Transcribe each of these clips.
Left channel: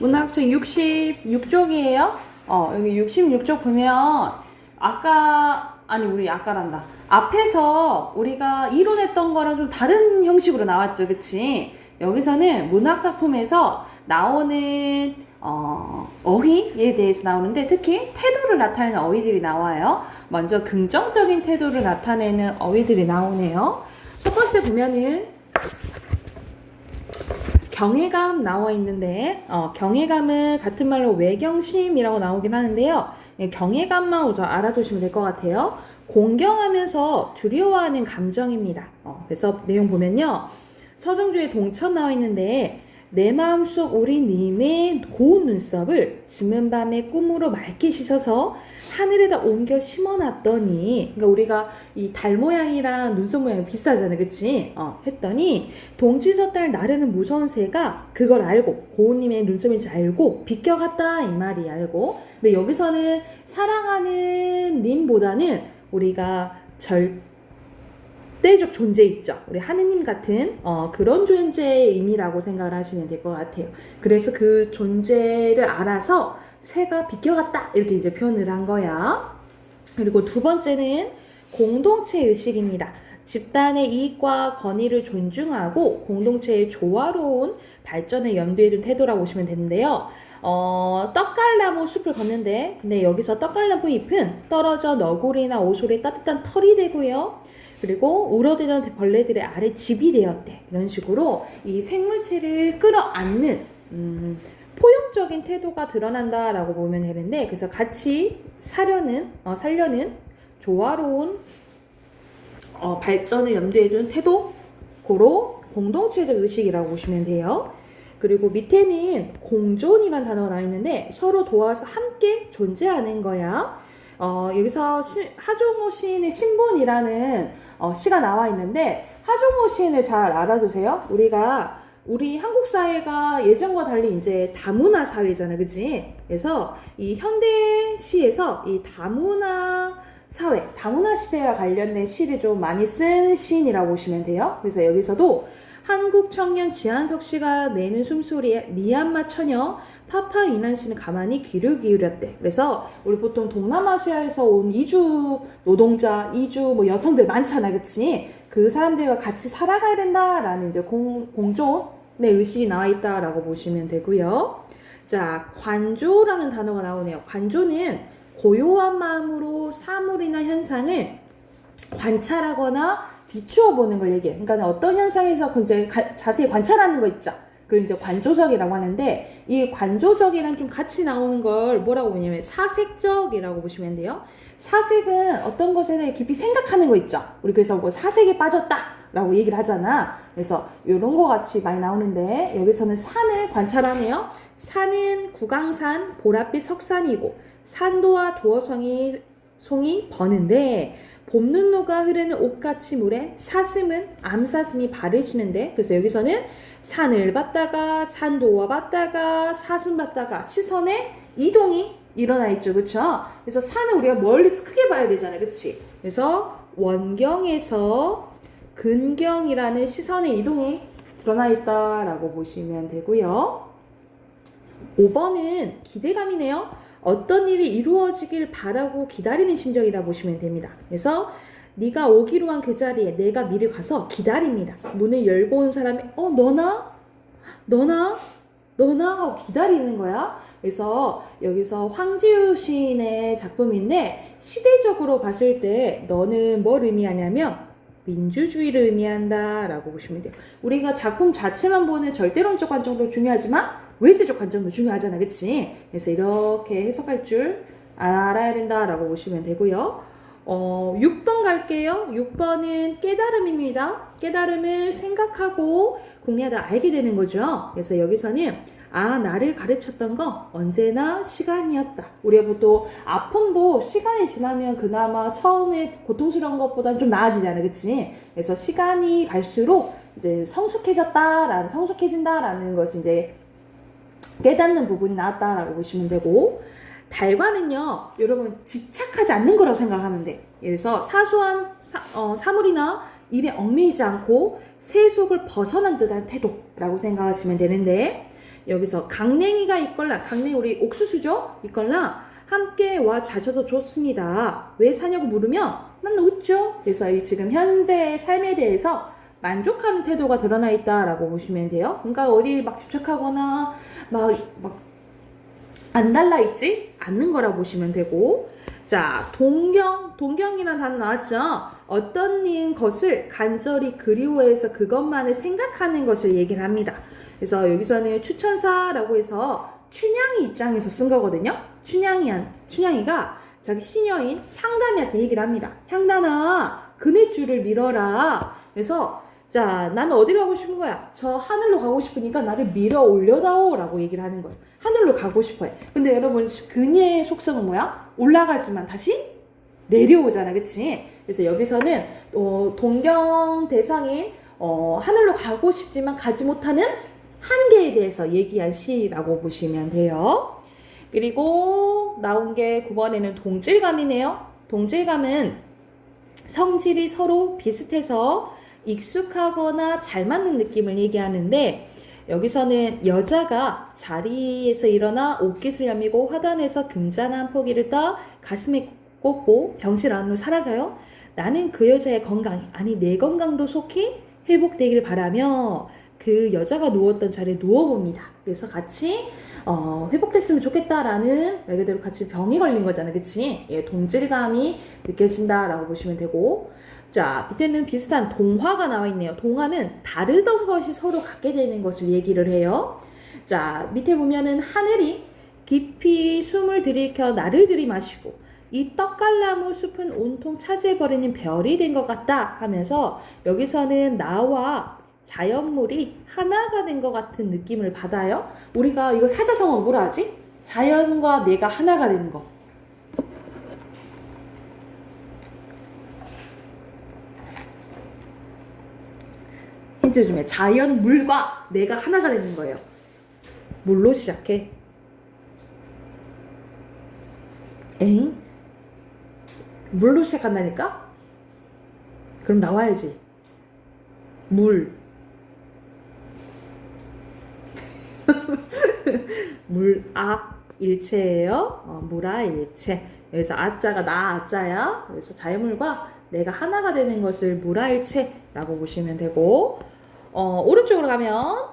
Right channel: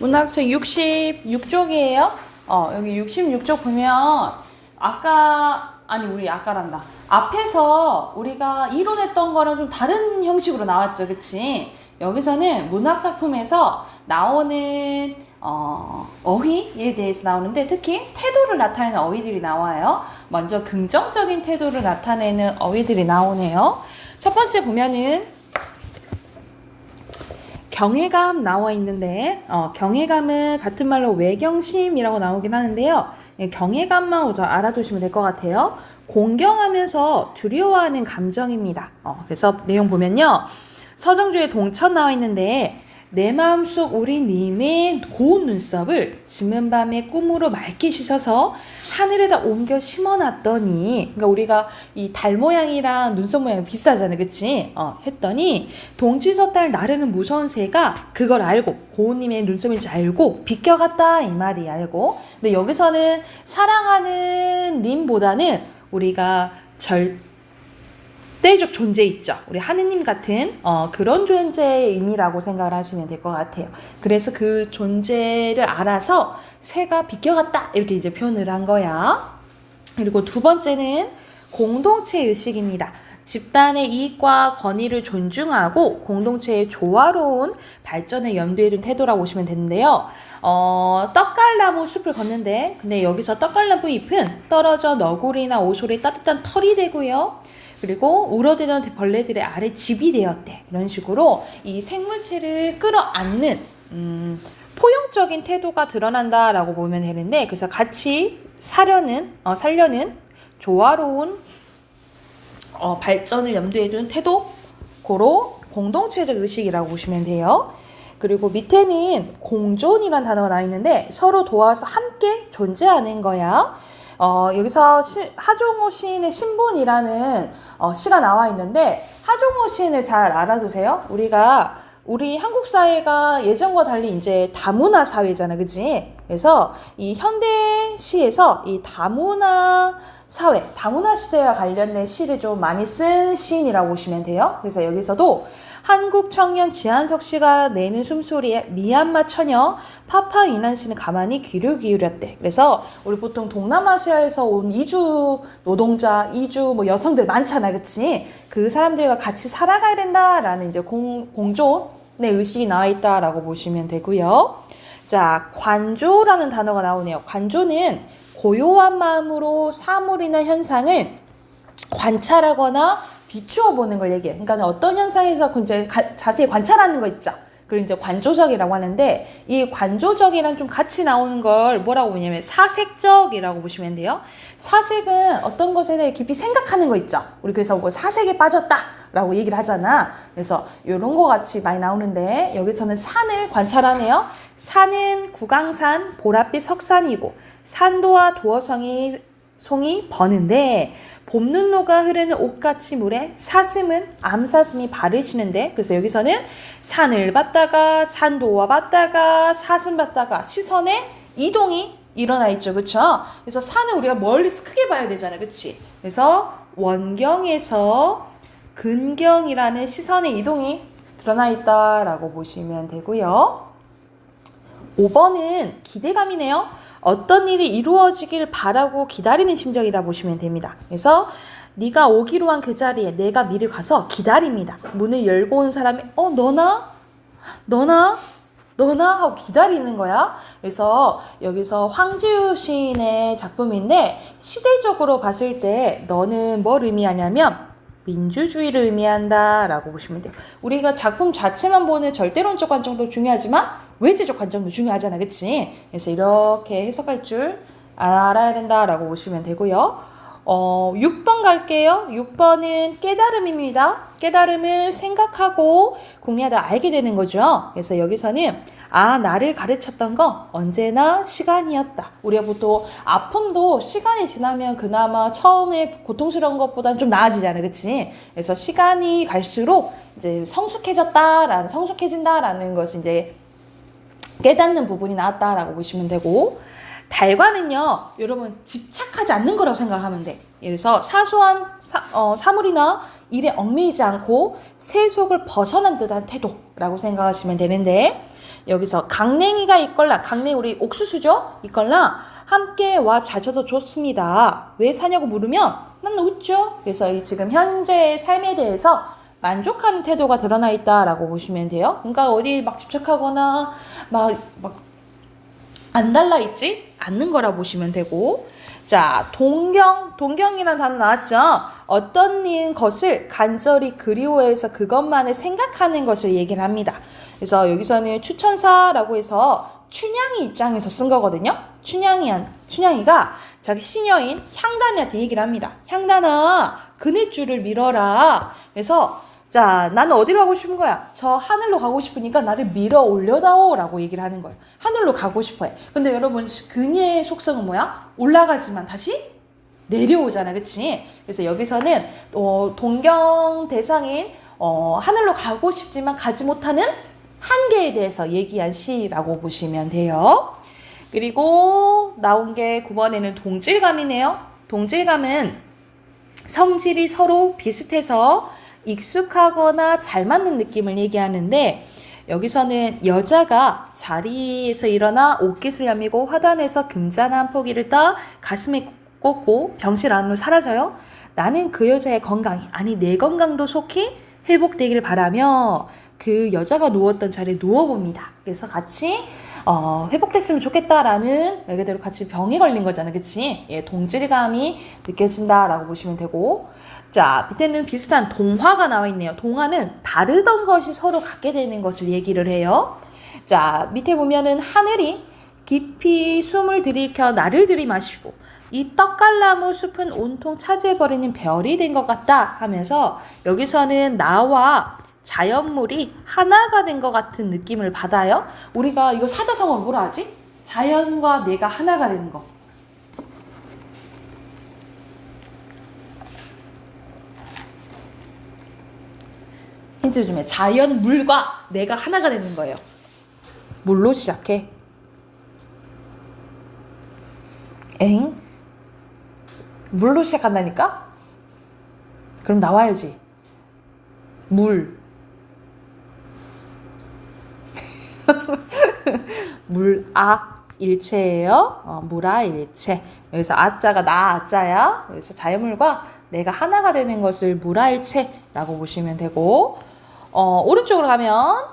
문학책 66쪽이에요. 여기 66쪽 보면 우리 아까란다. 앞에서 우리가 이론했던 거랑 좀 다른 형식으로 나왔죠. 그치? 여기서는 문학 작품에서 나오는 어휘에 대해서 나오는데 특히 태도를 나타내는 어휘들이 나와요. 먼저 긍정적인 태도를 나타내는 어휘들이 나오네요. 첫 번째 보면은 경외감 나와 있는데 경외감은 같은 말로 외경심이라고 나오긴 하는데요. 경외감만 우선 알아두시면 될 것 같아요. 공경하면서 두려워하는 감정입니다. 그래서 내용 보면요. 서정주의 동천 나와 있는데 내 마음속 우리 님의 고운 눈썹을 짖는 밤에 꿈으로 맑게 씻어서 하늘에다 옮겨 심어놨더니, 그러니까 우리가 이 달 모양이랑 눈썹 모양 비슷하잖아요, 그치? 했더니 동치서달 나르는 무서운 새가 그걸 알고 고운님의 눈썹인지 알고 비껴갔다 이 말이 알고. 근데 여기서는 사랑하는 님보다는 우리가 절대적 존재 있죠. 우리 하느님 같은 그런 존재의 의미라고 생각을 하시면 될 것 같아요. 그래서 그 존재를 알아서 새가 비껴갔다 이렇게 이제 표현을 한 거야. 그리고 두 번째는 공동체 의식입니다. 집단의 이익과 권위를 존중하고 공동체의 조화로운 발전을 염두에 둔 태도라고 보시면 되는데요. 떡갈나무 숲을 걷는데 근데 여기서 떡갈나무 잎은 떨어져 너구리나 오솔의 따뜻한 털이 되고요. 그리고 울어대는 벌레들의 아래 집이 되었대. 이런 식으로 이 생물체를 끌어안는 포용적인 태도가 드러난다라고 보면 되는데, 그래서 같이 살려는 조화로운 발전을 염두에 두는 태도, 고로 공동체적 의식이라고 보시면 돼요. 그리고 밑에는 공존이라는 단어가 나와 있는데 서로 도와서 함께 존재하는 거야. 여기서 하종호 시인의 신분이라는 시가 나와 있는데 하종호 시인을 잘 알아두세요. 우리 한국 사회가 예전과 달리 이제 다문화 사회잖아, 그치? 그래서 이 현대시에서 이 다문화 사회, 다문화 시대와 관련된 시를 좀 많이 쓴 시인이라고 보시면 돼요. 그래서 여기서도 한국 청년 지한석 씨가 내는 숨소리에 미얀마 처녀 파파 위난 씨는 가만히 귀를 기울였대. 그래서 우리 보통 동남아시아에서 온 이주 노동자, 이주 여성들 많잖아, 그치? 그 사람들과 같이 살아가야 된다라는 이제 공존의 의식이 나와 있다라고 보시면 되고요. 자, 관조라는 단어가 나오네요. 관조는 고요한 마음으로 사물이나 현상을 관찰하거나 비추어 보는 걸 얘기해. 그러니까 어떤 현상에서 이제 자세히 관찰하는 거 있죠. 그걸 이제 관조적이라고 하는데, 이 관조적이랑 좀 같이 나오는 걸 뭐라고 보냐면 사색적이라고 보시면 돼요. 사색은 어떤 것에 대해 깊이 생각하는 거 있죠. 우리 그래서 뭐 사색에 빠졌다라고 얘기를 하잖아. 그래서 이런 거 같이 많이 나오는데 여기서는 산을 관찰하네요. 산은 구강산, 보랏빛 석산이고 산도와 두어송이 버는데 봄눈로가 흐르는 옷같이 물에 사슴은 암사슴이 바르시는데, 그래서 여기서는 산을 봤다가 산도와 봤다가 사슴 봤다가 시선의 이동이 일어나 있죠, 그렇죠? 그래서 산을 우리가 멀리서 크게 봐야 되잖아, 그렇지? 그래서 원경에서 근경이라는 시선의 이동이 드러나 있다라고 보시면 되고요. 5번은 기대감이네요. 어떤 일이 이루어지길 바라고 기다리는 심정이라 보시면 됩니다. 그래서 네가 오기로 한 그 자리에 내가 미리 가서 기다립니다. 문을 열고 온 사람이 너나 하고 기다리는 거야. 그래서 여기서 황지우 시인의 작품인데 시대적으로 봤을 때 너는 뭘 의미하냐면 민주주의를 의미한다 라고 보시면 돼요. 우리가 작품 자체만 보는 절대론적 관점도 중요하지만 외제적 관점도 중요하잖아, 그치? 그래서 이렇게 해석할 줄 알아야 된다라고 보시면 되고요. 6번 갈게요. 6번은 깨달음입니다. 깨달음을 생각하고 궁리하다 알게 되는 거죠. 그래서 여기서는 나를 가르쳤던 거 언제나 시간이었다. 우리가 보통 아픔도 시간이 지나면 그나마 처음에 고통스러운 것보다는 좀 나아지잖아요, 그치? 그래서 시간이 갈수록 이제 성숙해진다라는 것이 이제 깨닫는 부분이 나왔다라고 보시면 되고, 달과는요, 여러분 집착하지 않는 거라고 생각하면 돼. 그래서 사소한 사물이나 일에 얽매이지 않고 세속을 벗어난 듯한 태도라고 생각하시면 되는데, 여기서 강냉이가 있걸랑, 강냉이 우리 옥수수죠? 있걸랑 함께 와 자셔도 좋습니다. 왜 사냐고 물으면 난 웃죠. 그래서 이 지금 현재의 삶에 대해서 만족하는 태도가 드러나 있다라고 보시면 돼요. 그러니까 어디 막 집착하거나 막 안 달라있지 않는 거라 보시면 되고, 자, 동경이란 단어 나왔죠? 어떤 것을 간절히 그리워해서 그것만을 생각하는 것을 얘기를 합니다. 그래서 여기서는 추천사라고 해서 춘향이 입장에서 쓴 거거든요. 춘향이가 자기 시녀인 향단이한테 얘기를 합니다. 향단아, 그네 줄을 밀어라. 그래서 자, 나는 어디로 가고 싶은 거야? 저 하늘로 가고 싶으니까 나를 밀어 올려다오 라고 얘기를 하는 거예요. 하늘로 가고 싶어해. 근데 여러분, 그녀의 속성은 뭐야? 올라가지만 다시 내려오잖아. 그치? 그래서 여기서는 동경 대상인 하늘로 가고 싶지만 가지 못하는 한계에 대해서 얘기한 시라고 보시면 돼요. 그리고 나온 게 9번에는 동질감이네요. 동질감은 성질이 서로 비슷해서 익숙하거나 잘 맞는 느낌을 얘기하는데, 여기서는 여자가 자리에서 일어나 옷깃을 여미고 화단에서 금잔한 포기를 떠 가슴에 꽂고 병실 안으로 사라져요. 나는 그 여자의 건강, 아니 내 건강도 속히 회복되기를 바라며 그 여자가 누웠던 자리에 누워봅니다. 그래서 같이 회복됐으면 좋겠다라는 말 그대로 같이 병이 걸린 거잖아. 그치? 예, 동질감이 느껴진다라고 보시면 되고, 자, 밑에는 비슷한 동화가 나와 있네요. 동화는 다르던 것이 서로 갖게 되는 것을 얘기를 해요. 자, 밑에 보면은 하늘이 깊이 숨을 들이켜 나를 들이마시고 이 떡갈나무 숲은 온통 차지해버리는 별이 된 것 같다 하면서, 여기서는 나와 자연물이 하나가 된 것 같은 느낌을 받아요. 우리가 이거 사자성어 뭐라 하지? 자연과 내가 하나가 되는 거. 힌트 좀 해. 자연, 물과 내가 하나가 되는 거예요. 물로 시작해. 엥? 물로 시작한다니까? 그럼 나와야지. 물. 물아 일체예요. 물아 일체. 여기서 아자가 나 아자야. 여기서 자연물과 내가 하나가 되는 것을 물아 일체라고 보시면 되고, 오른쪽으로 가면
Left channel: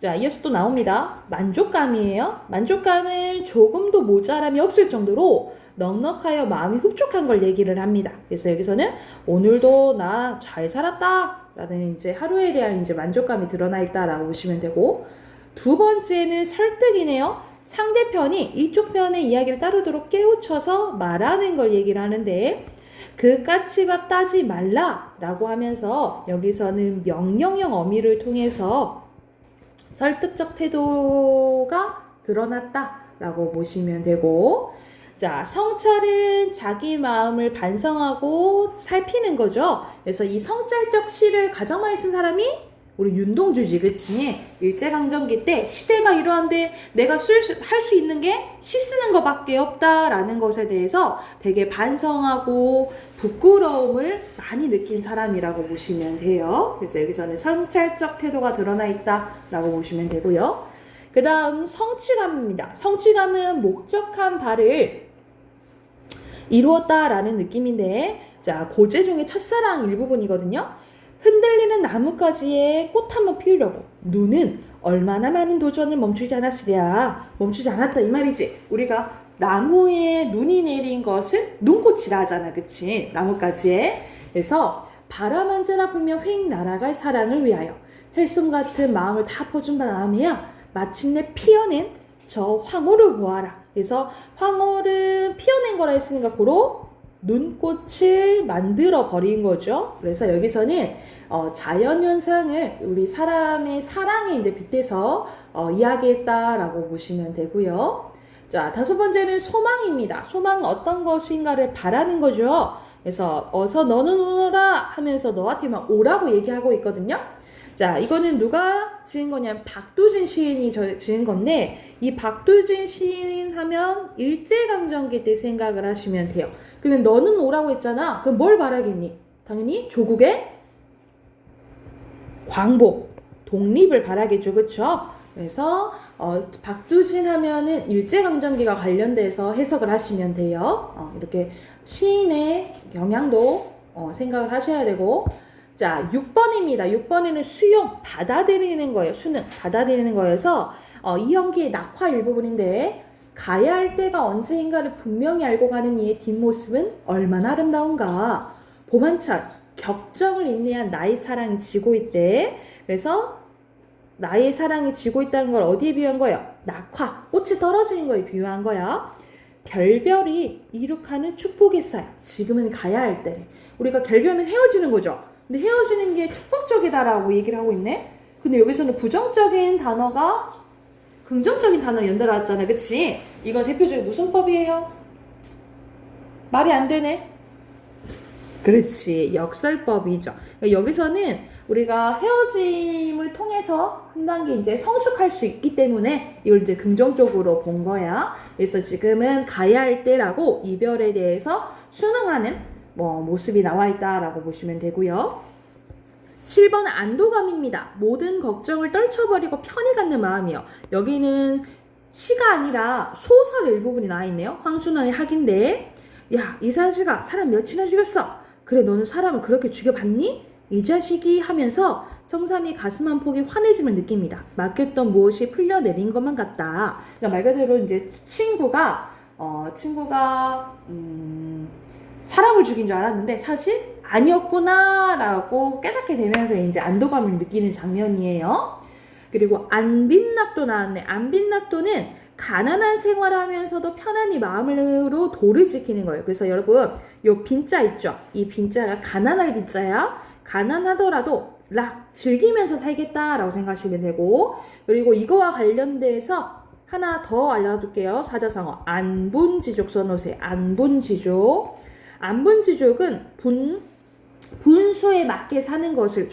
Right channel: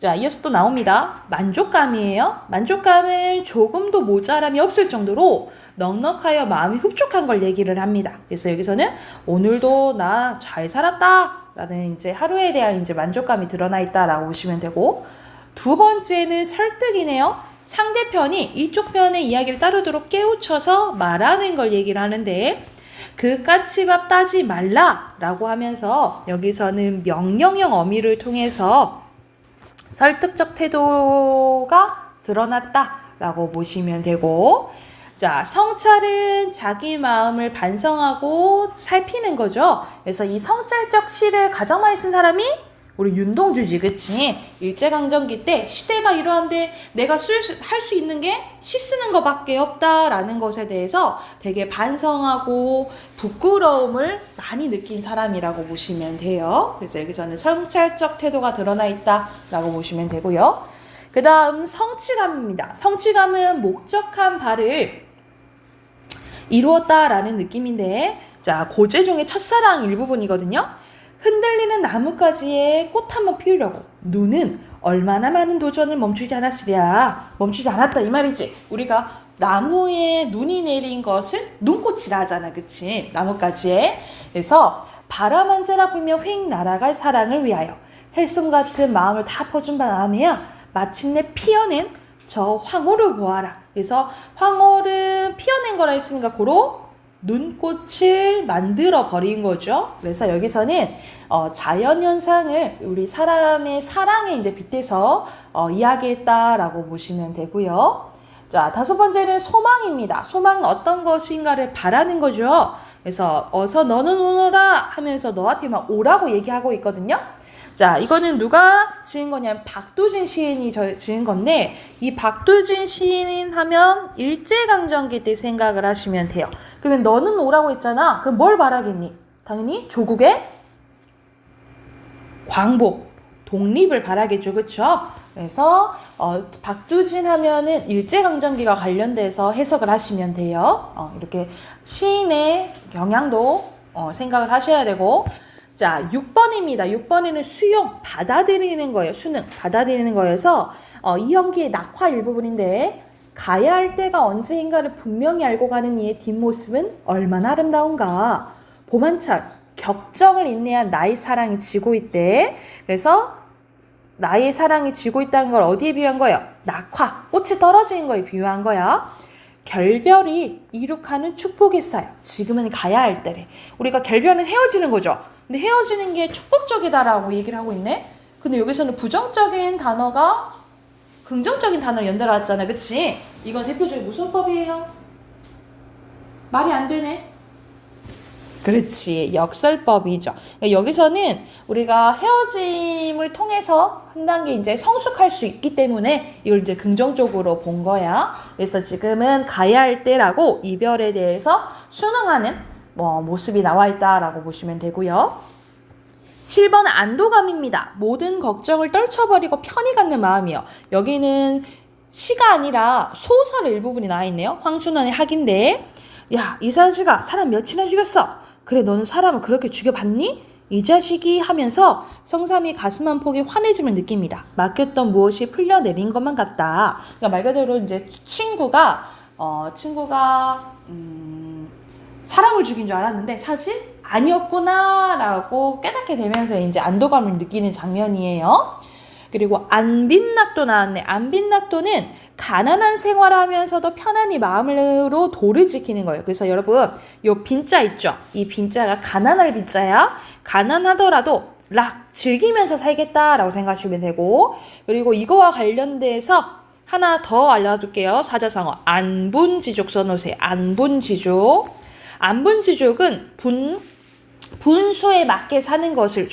자, 이어서 또 나옵니다. 만족감이에요. 만족감은 조금도 모자람이 없을 정도로 넉넉하여 마음이 흡족한 걸 얘기를 합니다. 그래서 여기서는 오늘도 나 잘 살았다 라는 이제 하루에 대한 이제 만족감이 드러나 있다라고 보시면 되고, 두 번째는 설득이네요. 상대편이 이쪽 편의 이야기를 따르도록 깨우쳐서 말하는 걸 얘기를 하는데, 그 까치밥 따지 말라 라고 하면서 여기서는 명령형 어미를 통해서 설득적 태도가 드러났다 라고 보시면 되고, 자, 성찰은 자기 마음을 반성하고 살피는 거죠. 그래서 이 성찰적 시를 가장 많이 쓴 사람이 우리 윤동주지, 그치? 일제강점기 때 시대가 이러한데 내가 할 수 있는 게 시 쓰는 것밖에 없다라는 것에 대해서 되게 반성하고 부끄러움을 많이 느낀 사람이라고 보시면 돼요. 그래서 여기서는 성찰적 태도가 드러나 있다라고 보시면 되고요. 그 다음 성취감입니다. 성취감은 목적한 바를 이루었다라는 느낌인데, 자, 고재종의 첫사랑 일부분이거든요. 흔들리는 나뭇가지에 꽃 한번 피우려고 눈은 얼마나 많은 도전을 멈추지 않았으랴. 멈추지 않았다 이 말이지. 우리가 나무에 눈이 내린 것을 눈꽃이라 하잖아. 그치? 나뭇가지에. 그래서 바람 한 자락 불며 휙 날아갈 사랑을 위하여 헬송 같은 마음을 다 퍼준 바람에야 마침내 피어낸 저 황홀을 보아라. 그래서 황홀은 피어낸 거라 했으니까 고로 눈꽃을 만들어 버린 거죠. 그래서 여기서는 자연현상을 우리 사람의 사랑에 이제 빗대서 이야기했다라고 보시면 되고요. 자, 다섯 번째는 소망입니다. 소망은 어떤 것인가를 바라는 거죠. 그래서 어서 너는 오너라 하면서 너한테 막 오라고 얘기하고 있거든요. 자, 이거는 누가 지은 거냐면 박두진 시인이 지은 건데, 이 박두진 시인 하면 일제강점기 때 생각을 하시면 돼요. 그러면 너는 오라고 했잖아. 그럼 뭘 바라겠니? 당연히 조국의 광복, 독립을 바라겠죠. 그쵸? 그래서 박두진 하면은 일제강점기가 관련돼서 해석을 하시면 돼요. 이렇게 시인의 경향도 생각을 하셔야 되고, 자, 6번입니다. 6번에는 수용, 받아들이는 거예요. 수능, 받아들이는 거여서 이현기의 낙화 일부분인데, 가야 할 때가 언제인가를 분명히 알고 가는 이의 뒷모습은 얼마나 아름다운가. 봄한철, 격정을 인내한 나의 사랑이 지고 있대. 그래서 나의 사랑이 지고 있다는 걸 어디에 비유한 거예요? 낙화, 꽃이 떨어지는 거에 비유한 거야. 결별이 이룩하는 축복했어요. 지금은 가야 할 때래. 우리가 결별은 헤어지는 거죠. 근데 헤어지는 게 축복적이다라고 얘기를 하고 있네. 근데 여기서는 부정적인 단어가 긍정적인 단어를 연달아 왔잖아. 그치? 이건 대표적인 무슨 법이에요? 말이 안 되네. 그렇지. 역설법이죠. 여기서는 우리가 헤어짐을 통해서 한 단계 이제 성숙할 수 있기 때문에 이걸 이제 긍정적으로 본 거야. 그래서 지금은 가야 할 때라고 이별에 대해서 순응하는 모습이 나와 있다라고 보시면 되고요. 7번 안도감입니다. 모든 걱정을 떨쳐버리고 편히 갖는 마음이요. 여기는 시가 아니라 소설의 일부분이 나와 있네요. 황순원의 학인데, 야, 이 자식아 사람 몇이나 죽였어? 그래, 너는 사람을 그렇게 죽여봤니? 이 자식이 하면서 성삼이 가슴 한 폭의 환해짐을 느낍니다. 맡겼던 무엇이 풀려내린 것만 같다. 그러니까 말 그대로 이제 친구가 사람을 죽인 줄 알았는데 사실 아니었구나라고 깨닫게 되면서 이제 안도감을 느끼는 장면이에요. 그리고 안빈낙도 나왔네. 안빈낙도는 가난한 생활하면서도 편안히 마음으로 도를 지키는 거예요. 그래서 여러분, 요 빈자 있죠? 이 빈자가 가난할 빈자야. 가난하더라도 즐기면서 살겠다라고 생각하시면 되고, 그리고 이거와 관련돼서 하나 더 알려줄게요. 사자성어 안분지족 써놓으세요. 안분지족. 안분지족은 분수에 맞게 사는 것을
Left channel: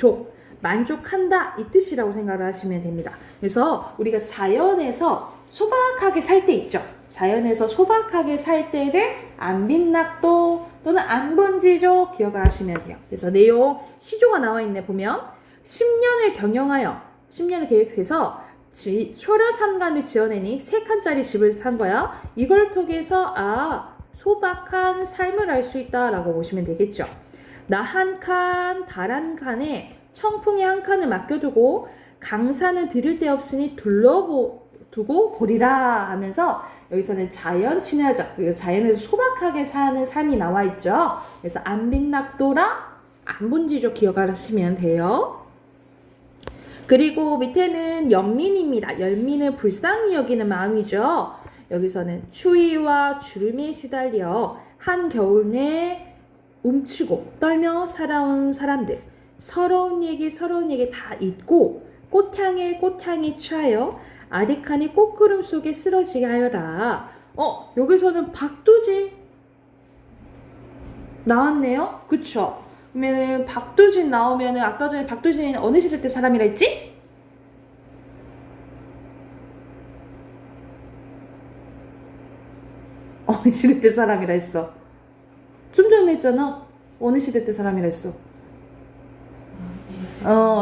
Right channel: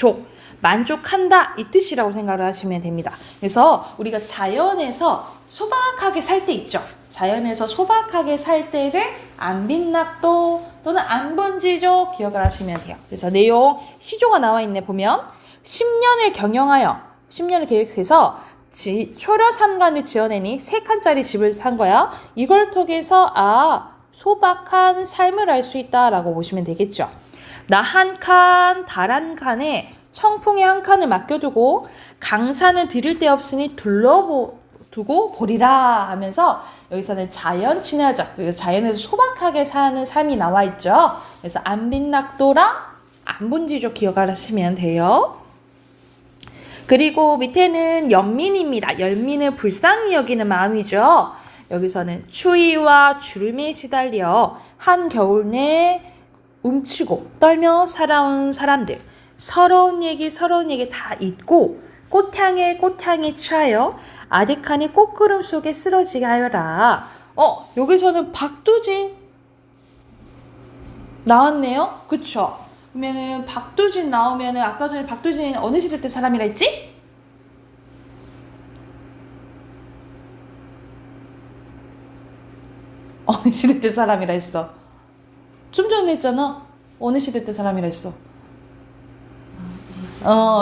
만족한다 이 뜻이라고 생각을 하시면 됩니다. 그래서 우리가 자연에서 소박하게 살 때 있죠. 자연에서 소박하게 살 때를 안빈낙도 또는 안분지족 기억을 하시면 돼요. 그래서 내용 시조가 나와 있네. 보면 10년을 경영하여 10년을 계획해서 초려 3간을 지어내니 3칸짜리 집을 산 거야. 이걸 통해서 소박한 삶을 알 수 있다라고 보시면 되겠죠. 나 한 칸, 달 한 칸에 청풍의 한 칸을 맡겨두고 강산을 들일 데 없으니 둘러두고 보리라 하면서 여기서는 자연 친화적, 그리고 자연에서 소박하게 사는 삶이 나와 있죠. 그래서 안빈낙도랑 안분지족 기억하시면 돼요. 그리고 밑에는 연민입니다. 연민은 불쌍히 여기는 마음이죠. 여기서는 추위와 주름에 시달려 한겨울 내 움츠고 떨며 살아온 사람들, 서러운 얘기 다 잊고 꽃향에 취하여 아득한의 꽃구름 속에 쓰러지게 하여라. 여기서는 박두진 나왔네요. 그쵸? 그러면은 박두진 나오면은 아까 전에 박두진이 어느 시대 때 사람이라 했지? 어느 시대 때 사람이라 했어? 좀 전에 했잖아. 어느 시대 때 사람이라 했어?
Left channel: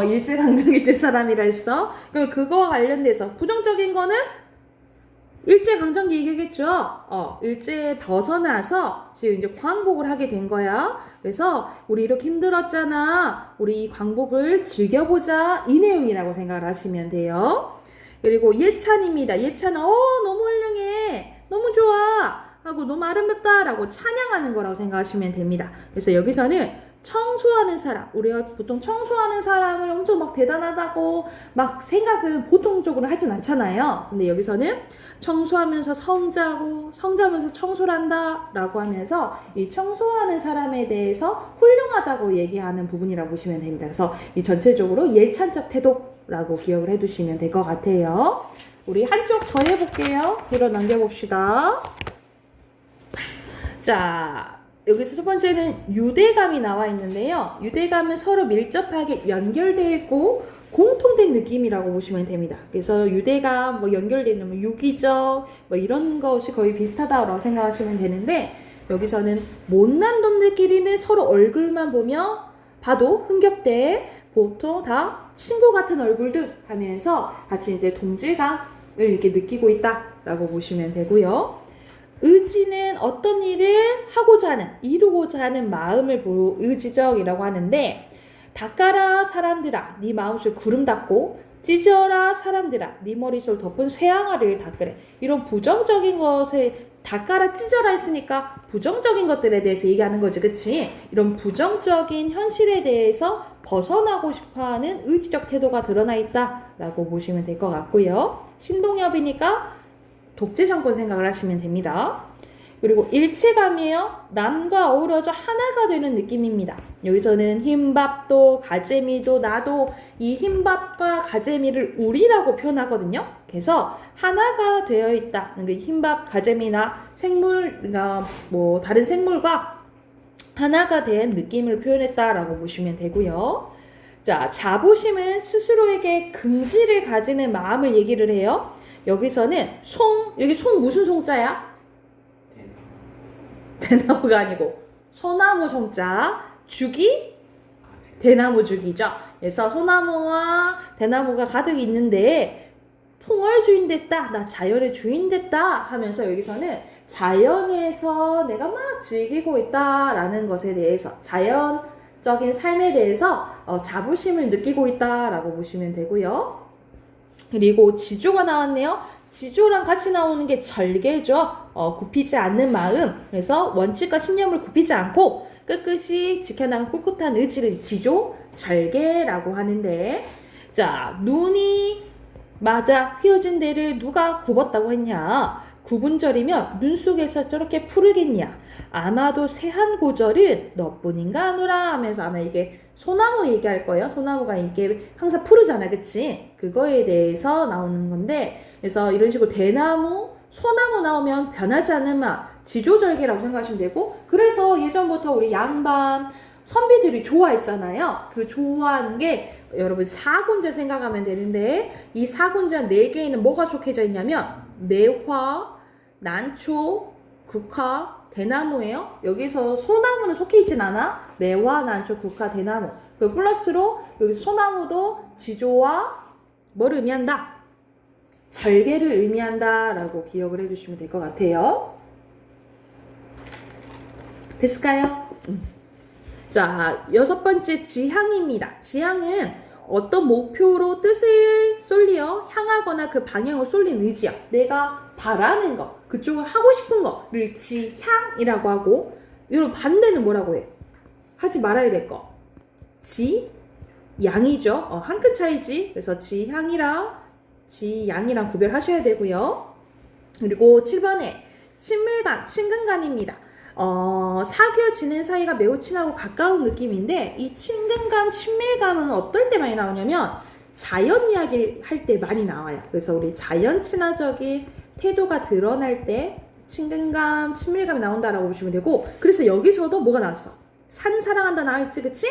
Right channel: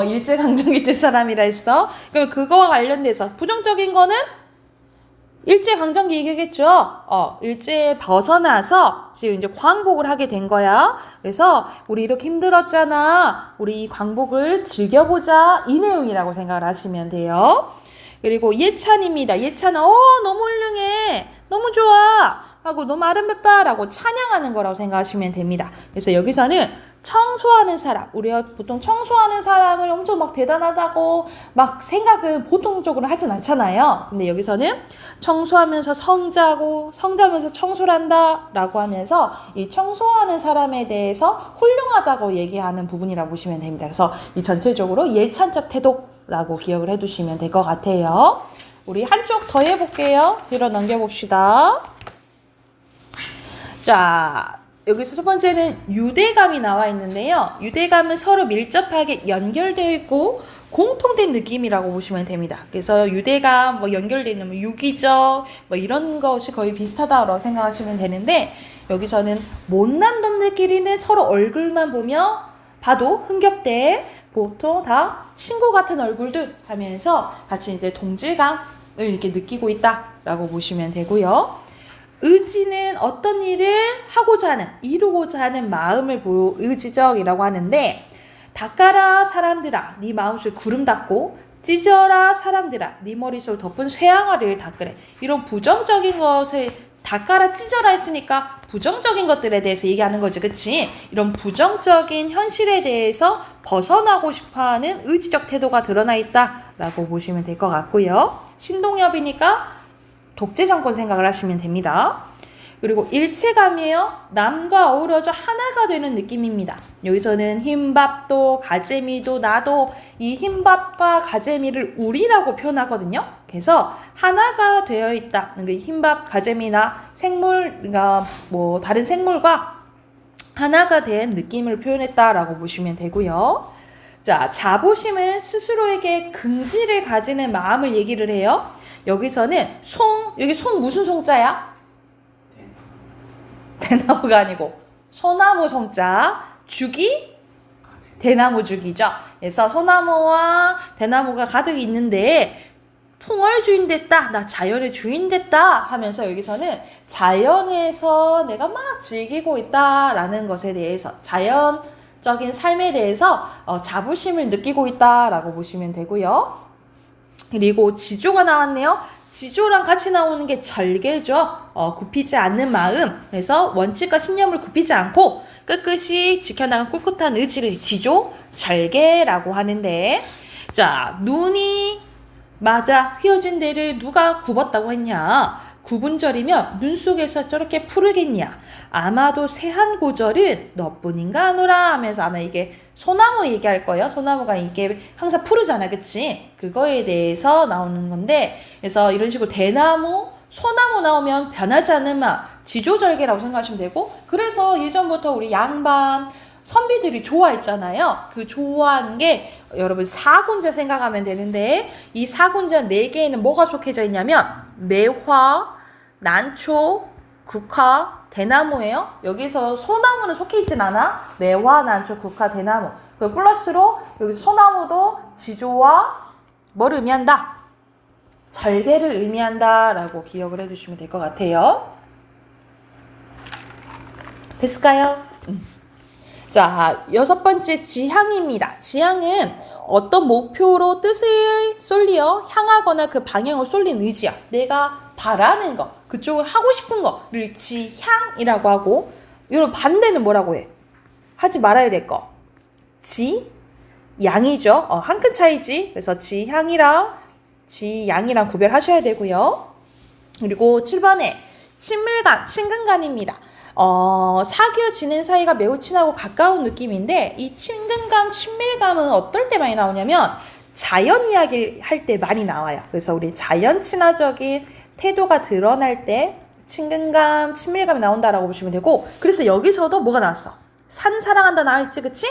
일제강점기 때 사람이라 했어. 그럼 그거와 관련돼서 부정적인 거는 일제강점기 얘기겠죠. 일제에 벗어나서 지금 이제 광복을 하게 된 거야. 그래서 우리 이렇게 힘들었잖아. 우리 이 광복을 즐겨보자. 이 내용이라고 생각을 하시면 돼요. 그리고 예찬입니다. 예찬은 너무 훌륭해. 너무 좋아. 하고 너무 아름답다라고 찬양하는 거라고 생각하시면 됩니다. 그래서 여기서는 청소하는 사람, 우리가 보통 청소하는 사람을 엄청 막 대단하다고 막 생각은 보통적으로 하진 않잖아요. 근데 여기서는 청소하면서 성자면서 청소를 한다 라고 하면서 이 청소하는 사람에 대해서 훌륭하다고 얘기하는 부분이라고 보시면 됩니다. 그래서 이 전체적으로 예찬적 태도라고 기억을 해두시면 될 것 같아요. 우리 한쪽 더 해볼게요. 뒤로 넘겨봅시다. 자, 여기서 첫 번째는 유대감이 나와 있는데요. 유대감은 서로 밀접하게 연결되어 있고 공통된 느낌이라고 보시면 됩니다. 그래서 유대감 연결되어 있는 유기적 이런 것이 거의 비슷하다고 생각하시면 되는데, 여기서는 못난 놈들끼리는 서로 얼굴만 봐도 흥겹대. 보통 다 친구 같은 얼굴들 하면서 같이 이제 동질감을 이렇게 느끼고 있다라고 보시면 되고요. 의지는 어떤 일을 하고자 하는, 이루고자 하는 마음을 보고 의지적이라고 하는데, 닦아라 사람들아 네 마음속에 구름 닦고 찢어라 사람들아 네 머릿속을 덮은 쇠항아리를 닦으래. 이런 부정적인 것을 닦아라 찢어라 했으니까 부정적인 것들에 대해서 얘기하는 거지, 그치? 이런 부정적인 현실에 대해서 벗어나고 싶어하는 의지적 태도가 드러나 있다라고 보시면 될 것 같고요. 신동엽이니까 독재 정권 생각을 하시면 됩니다. 그리고 일체감이에요. 남과 어우러져 하나가 되는 느낌입니다. 여기서는 흰밥도 가재미도 나도 이 흰밥과 가재미를 우리라고 표현하거든요. 그래서 하나가 되어 있다. 그러니까 흰밥, 가재미나 생물, 그러니까 뭐 다른 생물과 하나가 된 느낌을 표현했다라고 보시면 되고요. 자, 자부심은 스스로에게 긍지를 가지는 마음을 얘기를 해요. 여기서는 여기 송 무슨 송자야? 대나무가 아니고 소나무 송자. 죽이 대나무 죽이죠. 그래서 소나무와 대나무가 가득 있는데 풍월 주인 됐다, 나 자연의 주인 됐다 하면서 여기서는 자연에서 내가 막 즐기고 있다라는 것에 대해서, 자연적인 삶에 대해서 자부심을 느끼고 있다라고 보시면 되고요. 그리고 지조가 나왔네요. 지조랑 같이 나오는 게 절개죠. 굽히지 않는 마음. 그래서 원칙과 신념을 굽히지 않고 끝끝이 지켜나간 꿋꿋한 의지를 지조, 절개라고 하는데, 자, 눈이 맞아 휘어진 데를 누가 굽었다고 했냐? 구분절이며 눈 속에서 저렇게 푸르겠냐? 아마도 세한 고절은 너뿐인가 하노라 하면서 아마 이게 소나무 얘기할 거예요. 소나무가 이게 항상 푸르잖아, 그치? 그거에 대해서 나오는 건데, 그래서 이런 식으로 대나무, 소나무 나오면 변하지 않는 맛, 지조절개라고 생각하시면 되고, 그래서 예전부터 우리 양반 선비들이 좋아했잖아요. 그 좋아한 게 여러분 사군자 생각하면 되는데, 이 사군자 4개에는 뭐가 속해져 있냐면 매화, 난초, 국화, 대나무예요. 여기서 소나무는 속해 있진 않아. 매화, 난초, 국화, 대나무. 그 플러스로 여기 소나무도 지조와 뭐를 의미한다? 절개를 의미한다라고 기억을 해주시면 될 것 같아요. 됐을까요? 자, 6번째 지향입니다. 지향은 어떤 목표로 뜻을 쏠리어 향하거나 그 방향을 쏠린 의지야. 내가 바라는 거, 그쪽을 하고 싶은 거를 지향이라고 하고, 이런 반대는 뭐라고 해? 하지 말아야 될 거. 지양이죠. 한 끗 차이지. 그래서 지향이랑 지양이랑 구별하셔야 되고요. 그리고 7번에 친밀감, 친근감입니다. 사귀어 지낸 사이가 매우 친하고 가까운 느낌인데, 이 친근감, 친밀감은 어떨 때 많이 나오냐면 자연 이야기를 할 때 많이 나와요. 그래서 우리 자연 친화적인 태도가 드러날 때 친근감, 친밀감이 나온다라고 보시면 되고, 그래서 여기서도 뭐가 나왔어? 산 사랑한다 나왔지, 그치?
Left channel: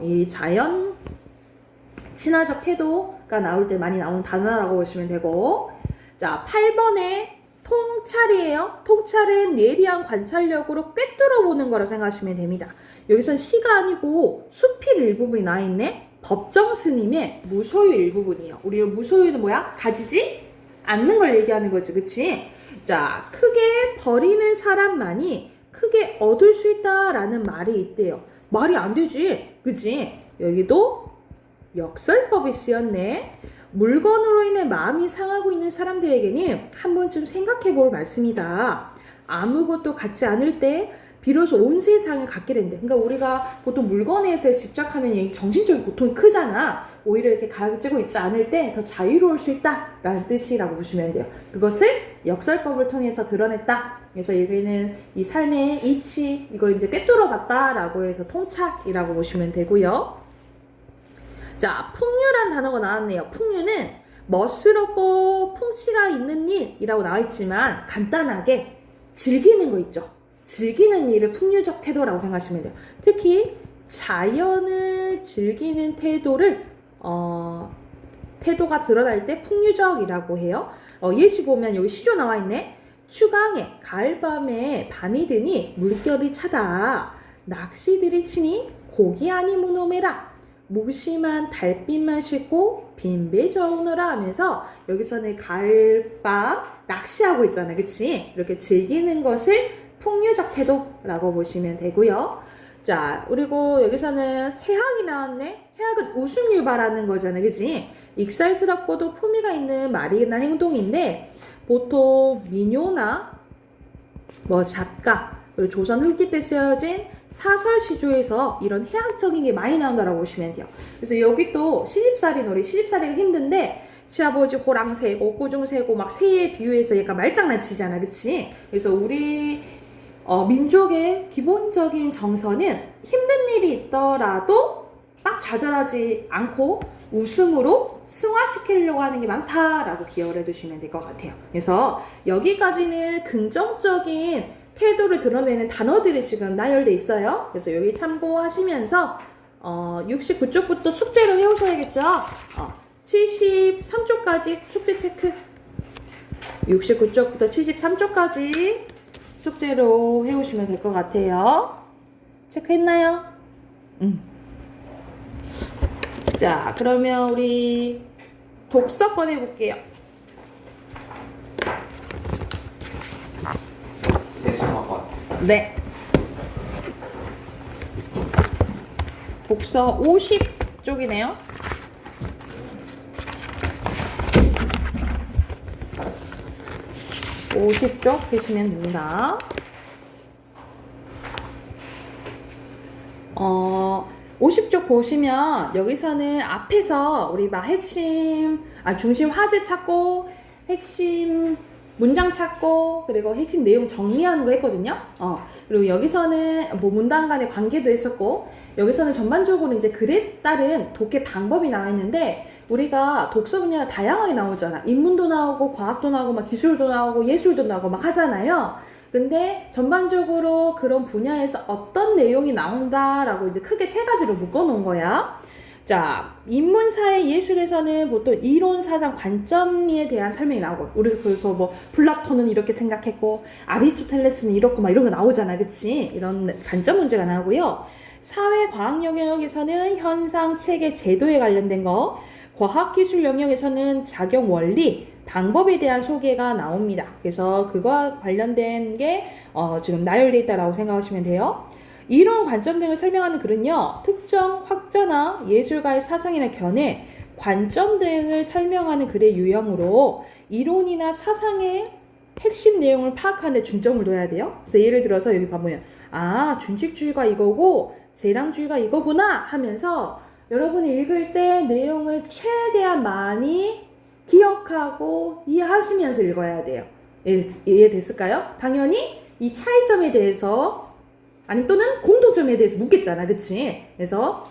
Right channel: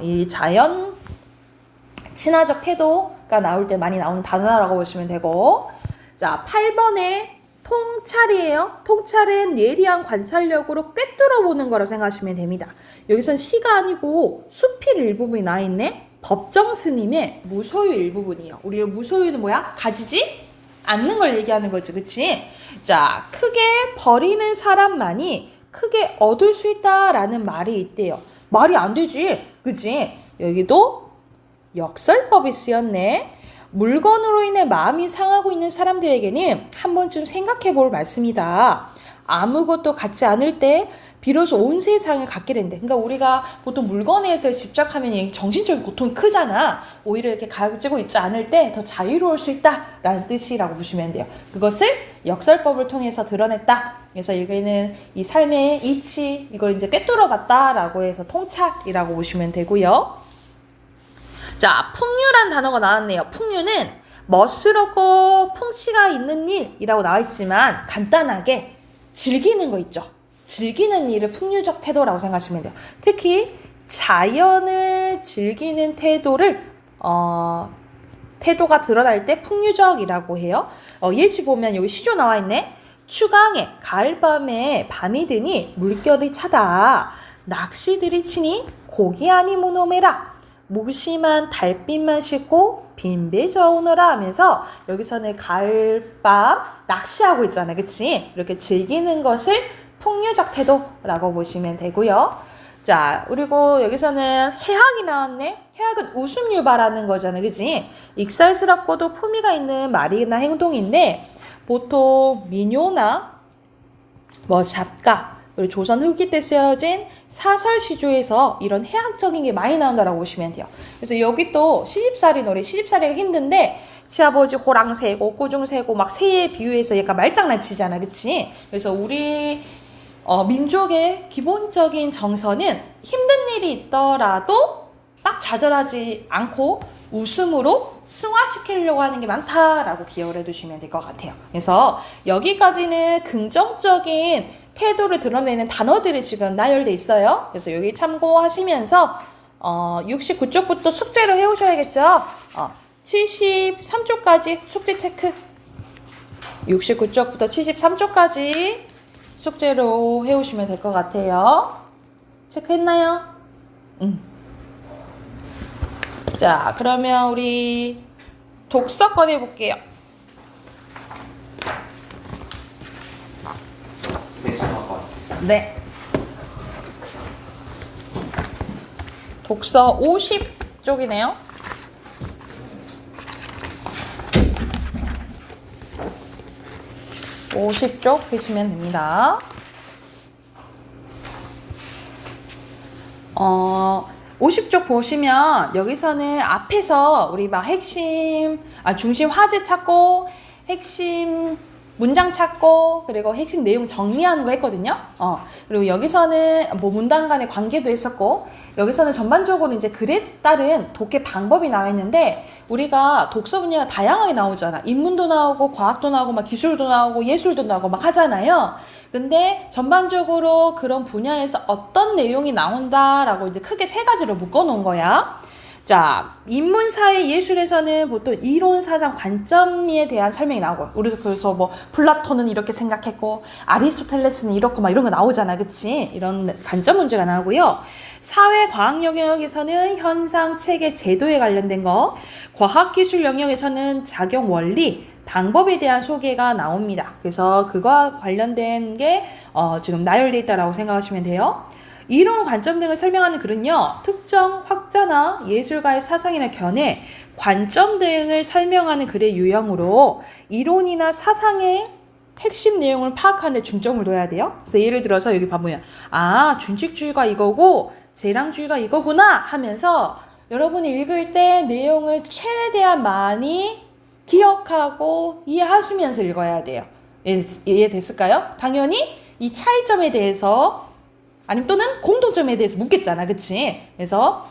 이 자연 친화적 태도가 나올 때 많이 나오는 단어라고 보시면 되고, 자, 8번에 통찰이에요. 통찰은 예리한 관찰력으로 꿰뚫어보는 거라고 생각하시면 됩니다. 여기선 시가 아니고 수필 일부분이 나와있네. 법정 스님의 무소유 일부분이에요. 우리 무소유는 뭐야? 가지지 않는 걸 얘기하는 거지, 그치? 자, 크게 버리는 사람만이 크게 얻을 수 있다라는 말이 있대요. 말이 안 되지, 그치? 여기도 역설법이 쓰였네. 물건으로 인해 마음이 상하고 있는 사람들에게는 한 번쯤 생각해 볼 말씀이다. 아무것도 갖지 않을 때 비로소 온 세상을 갖게 된대. 그러니까 우리가 보통 물건에 대해서 집착하면 정신적인 고통이 크잖아. 오히려 이렇게 가지고 있지 않을 때 더 자유로울 수 있다라는 뜻이라고 보시면 돼요. 그것을 역설법을 통해서 드러냈다. 그래서 여기는 이 삶의 이치, 이걸 이제 꿰뚫어 봤다라고 해서 통찰이라고 보시면 되고요. 자, 풍류란 단어가 나왔네요. 풍류는 멋스럽고 풍치가 있는 일이라고 나와있지만 간단하게 즐기는 거 있죠. 즐기는 일을 풍류적 태도라고 생각하시면 돼요. 특히 자연을 즐기는 태도가 드러날 때 풍류적이라고 해요. 예시 보면 여기 시조 나와있네. 추강에 가을밤에 밤이 드니 물결이 차다. 낚시들이 치니 고기 아니 모노메라. 무심한 달빛만 싣고 빈배져 오너라 하면서 여기서는 가을밤 낚시하고 있잖아요. 그치? 이렇게 즐기는 것을 풍류적 태도라고 보시면 되고요. 자, 그리고 여기서는 해학이 나왔네. 해학은 웃음 유발하는 거잖아요. 그치? 익살스럽고도 품위가 있는 말이나 행동인데 보통 민요나 뭐 잡가 그리고 조선 후기 때 쓰여진 사설 시조에서 이런 해학적인 게 많이 나온다라고 보시면 돼요. 그래서 여기 또 시집살이 노래, 시집살이가 힘든데 시아버지 호랑 세고 꾸중 세고 막 새에 비유해서 약간 말장난치잖아, 그치? 그래서 우리 민족의 기본적인 정서는 힘든 일이 있더라도 막 좌절하지 않고 웃음으로 승화시키려고 하는 게 많다라고 기억을 해두시면 될 것 같아요. 그래서 여기까지는 긍정적인 태도를 드러내는 단어들이 지금 나열돼 있어요. 그래서 여기 참고하시면서 69쪽부터 숙제를 해오셔야겠죠. 73쪽까지 숙제 체크. 69쪽부터 73쪽까지 숙제로 해오시면 될 것 같아요. 체크했나요? 자, 그러면 우리 독서 꺼내볼게요. 네. 독서 50쪽이네요. (50쪽) 보시면 됩니다. 50쪽 보시면 여기서는 앞에서 우리 막 중심 화제 찾고 핵심 문장 찾고 그리고 핵심 내용 정리하는 거 했거든요. 그리고 여기서는 뭐 문단 간의 관계도 했었고 여기서는 전반적으로 이제 글에 따른 독해 방법이 나와 있는데 우리가 독서 분야가 다양하게 나오잖아. 인문도 나오고 과학도 나오고 막 기술도 나오고 예술도 나오고 막 하잖아요. 근데 전반적으로 그런 분야에서 어떤 내용이 나온다라고 이제 크게 세 가지로 묶어 놓은 거야. 자, 인문사회 예술에서는 보통 이론 사상 관점에 대한 설명이 나오고 우리 그래서 뭐 플라톤은 이렇게 생각했고 아리스토텔레스는 이렇고 막 이런 거 나오잖아. 그치? 이런 관점 문제가 나오고요. 사회 과학 영역에서는 현상, 체계, 제도에 관련된 거, 과학 기술 영역에서는 작용 원리, 방법에 대한 소개가 나옵니다. 그래서 그거와 관련된 게 지금 나열되어 있다고 생각하시면 돼요. 이론 관점 등을 설명하는 글은요. 특정 학자나 예술가의 사상이나 견해, 관점 등을 설명하는 글의 유형으로 이론이나 사상의 핵심 내용을 파악하는 데 중점을 둬야 돼요. 그래서 예를 들어서 여기 봐보면 준칙주의가 이거고 재량주의가 이거구나 하면서 여러분이 읽을 때 내용을 최대한 많이 기억하고 이해하시면서 읽어야 돼요. 이해됐을까요? 당연히 이 차이점에 대해서 아니면 또는 공통점에 대해서 묻겠잖아. 그치? 그래서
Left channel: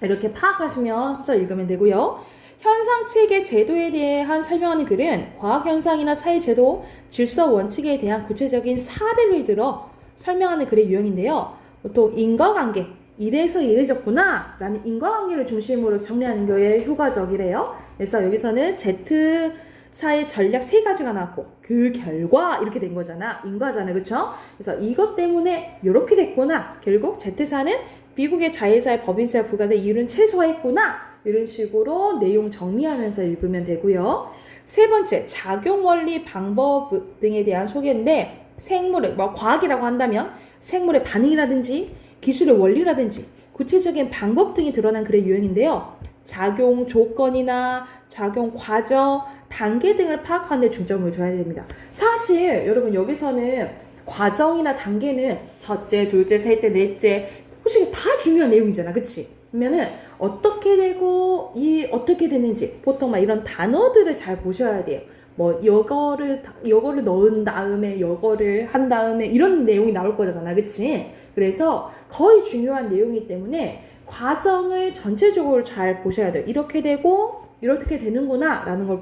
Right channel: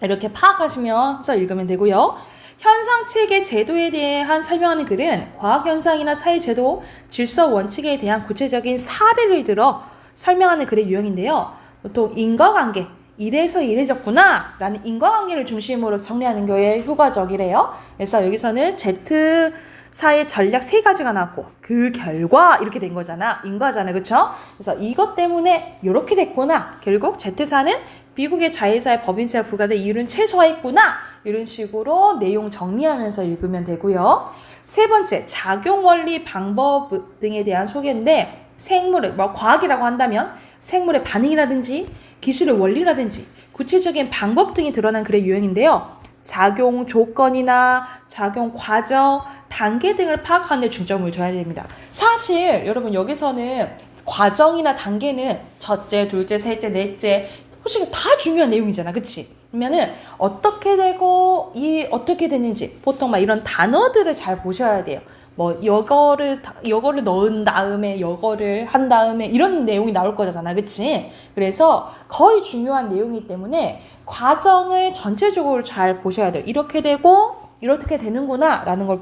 이렇게 파악하시면서 읽으면 되고요. 현상, 체계, 제도에 대한 설명하는 글은 과학현상이나 사회제도, 질서, 원칙에 대한 구체적인 사례를 들어 설명하는 글의 유형인데요. 보통 인과관계, 이래서 이래졌구나 라는 인과관계를 중심으로 정리하는 게 효과적이래요. 그래서 여기서는 Z사의 전략 3가지가 나왔고 그 결과 이렇게 된 거잖아. 인과잖아. 그쵸? 그래서 이것 때문에 이렇게 됐구나. 결국 Z사는 미국의 자회사의 법인세가 부과된 이유는 최소화했구나. 이런 식으로 내용 정리하면서 읽으면 되고요. 세 번째, 작용 원리 방법 등에 대한 소개인데 생물의 과학이라고 한다면 생물의 반응이라든지 기술의 원리라든지 구체적인 방법 등이 드러난 글의 유형인데요. 작용 조건이나 작용 과정, 단계 등을 파악하는 데 중점을 둬야 됩니다. 사실 여러분 여기서는 과정이나 단계는 첫째, 둘째, 셋째, 넷째 솔직히 다 중요한 내용이잖아. 그치? 그러면은 어떻게 되고 어떻게 되는지 보통 막 이런 단어들을 잘 보셔야 돼요. 뭐 여거를 넣은 다음에 여거를 한 다음에 이런 내용이 나올 거잖아. 그치? 그래서 거의 중요한 내용이기 때문에 과정을 전체적으로 잘 보셔야 돼요. 이렇게 되고 이렇게 되는구나 라는 걸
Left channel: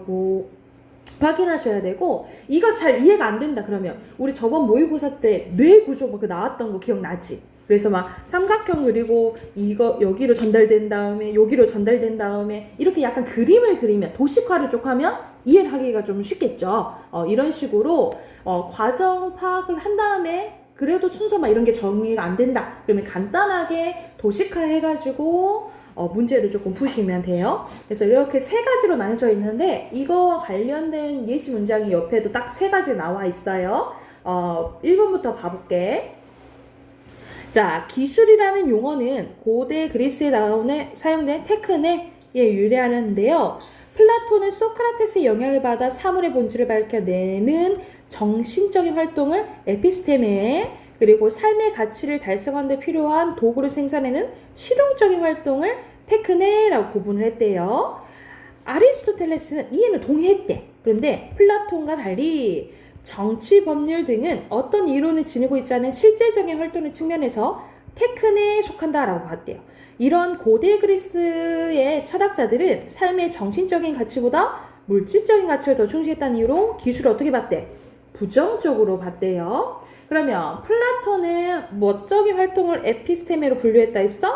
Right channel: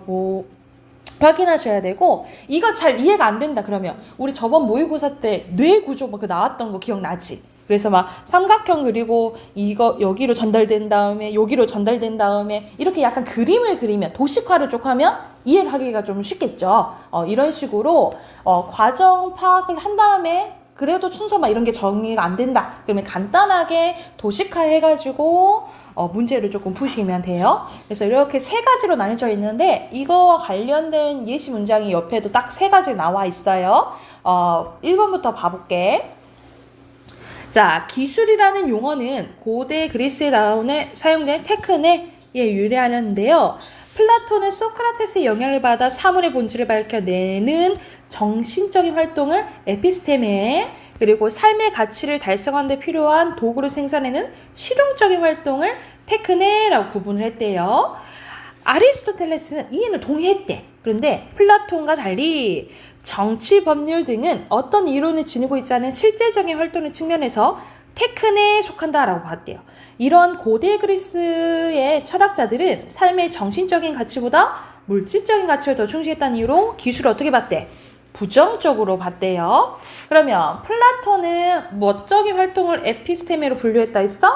확인하셔야 되고 이거 잘 이해가 안 된다 그러면 우리 저번 모의고사 때 뇌 구조 그 나왔던 거 기억나지? 그래서 막 삼각형 그리고 이거 여기로 전달된 다음에 여기로 전달된 다음에 이렇게 약간 그림을 그리면 도식화를 쭉 하면 이해를 하기가 좀 쉽겠죠. 이런 식으로 과정 파악을 한 다음에 그래도 순서 막 이런 게 정리가 안 된다. 그러면 간단하게 도식화 해가지고 문제를 조금 푸시면 돼요. 그래서 이렇게 세 가지로 나눠져 있는데 이거와 관련된 예시 문장이 옆에도 딱 세 가지 나와 있어요. 1번부터 봐볼게. 자, 기술이라는 용어는 고대 그리스에 사용된 테크닉에 유래하는데요. 플라톤은 소크라테스의 영향을 받아 사물의 본질을 밝혀내는 정신적인 활동을 에피스테메, 그리고 삶의 가치를 달성하는 데 필요한 도구를 생산해내는 실용적인 활동을 테크네라고 구분을 했대요. 아리스토텔레스는 이해는 동의했대. 그런데 플라톤과 달리 정치, 법률 등은 어떤 이론을 지니고 있지 않은 실제적인 활동의 측면에서 테크네에 속한다라고 봤대요. 이런 고대 그리스의 철학자들은 삶의 정신적인 가치보다 물질적인 가치를 더 중시했다는 이유로 기술을 어떻게 봤대? 부정적으로 봤대요. 그러면 플라톤은 뭐적인 활동을 에피스테메로 분류했다 했어?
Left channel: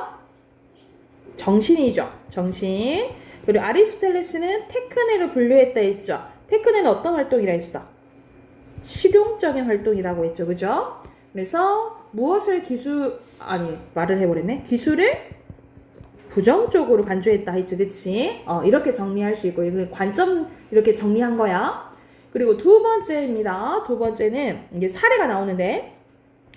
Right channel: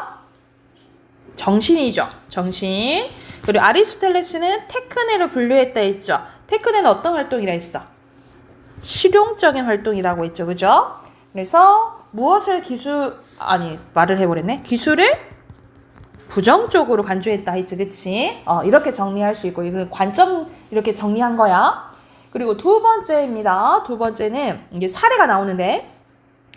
정신이죠. 정신. 그리고 아리스토텔레스는 테크네로 분류했다 했죠. 테크네는 어떤 활동이라 했어? 실용적인 활동이라고 했죠. 그죠? 그래서 무엇을 말을 해버렸네. 기술을 부정적으로 간주했다 했지. 그치? 이렇게 정리할 수 있고, 이거 관점 이렇게 정리한 거야. 그리고 두 번째입니다. 두 번째는 이게 사례가 나오는데,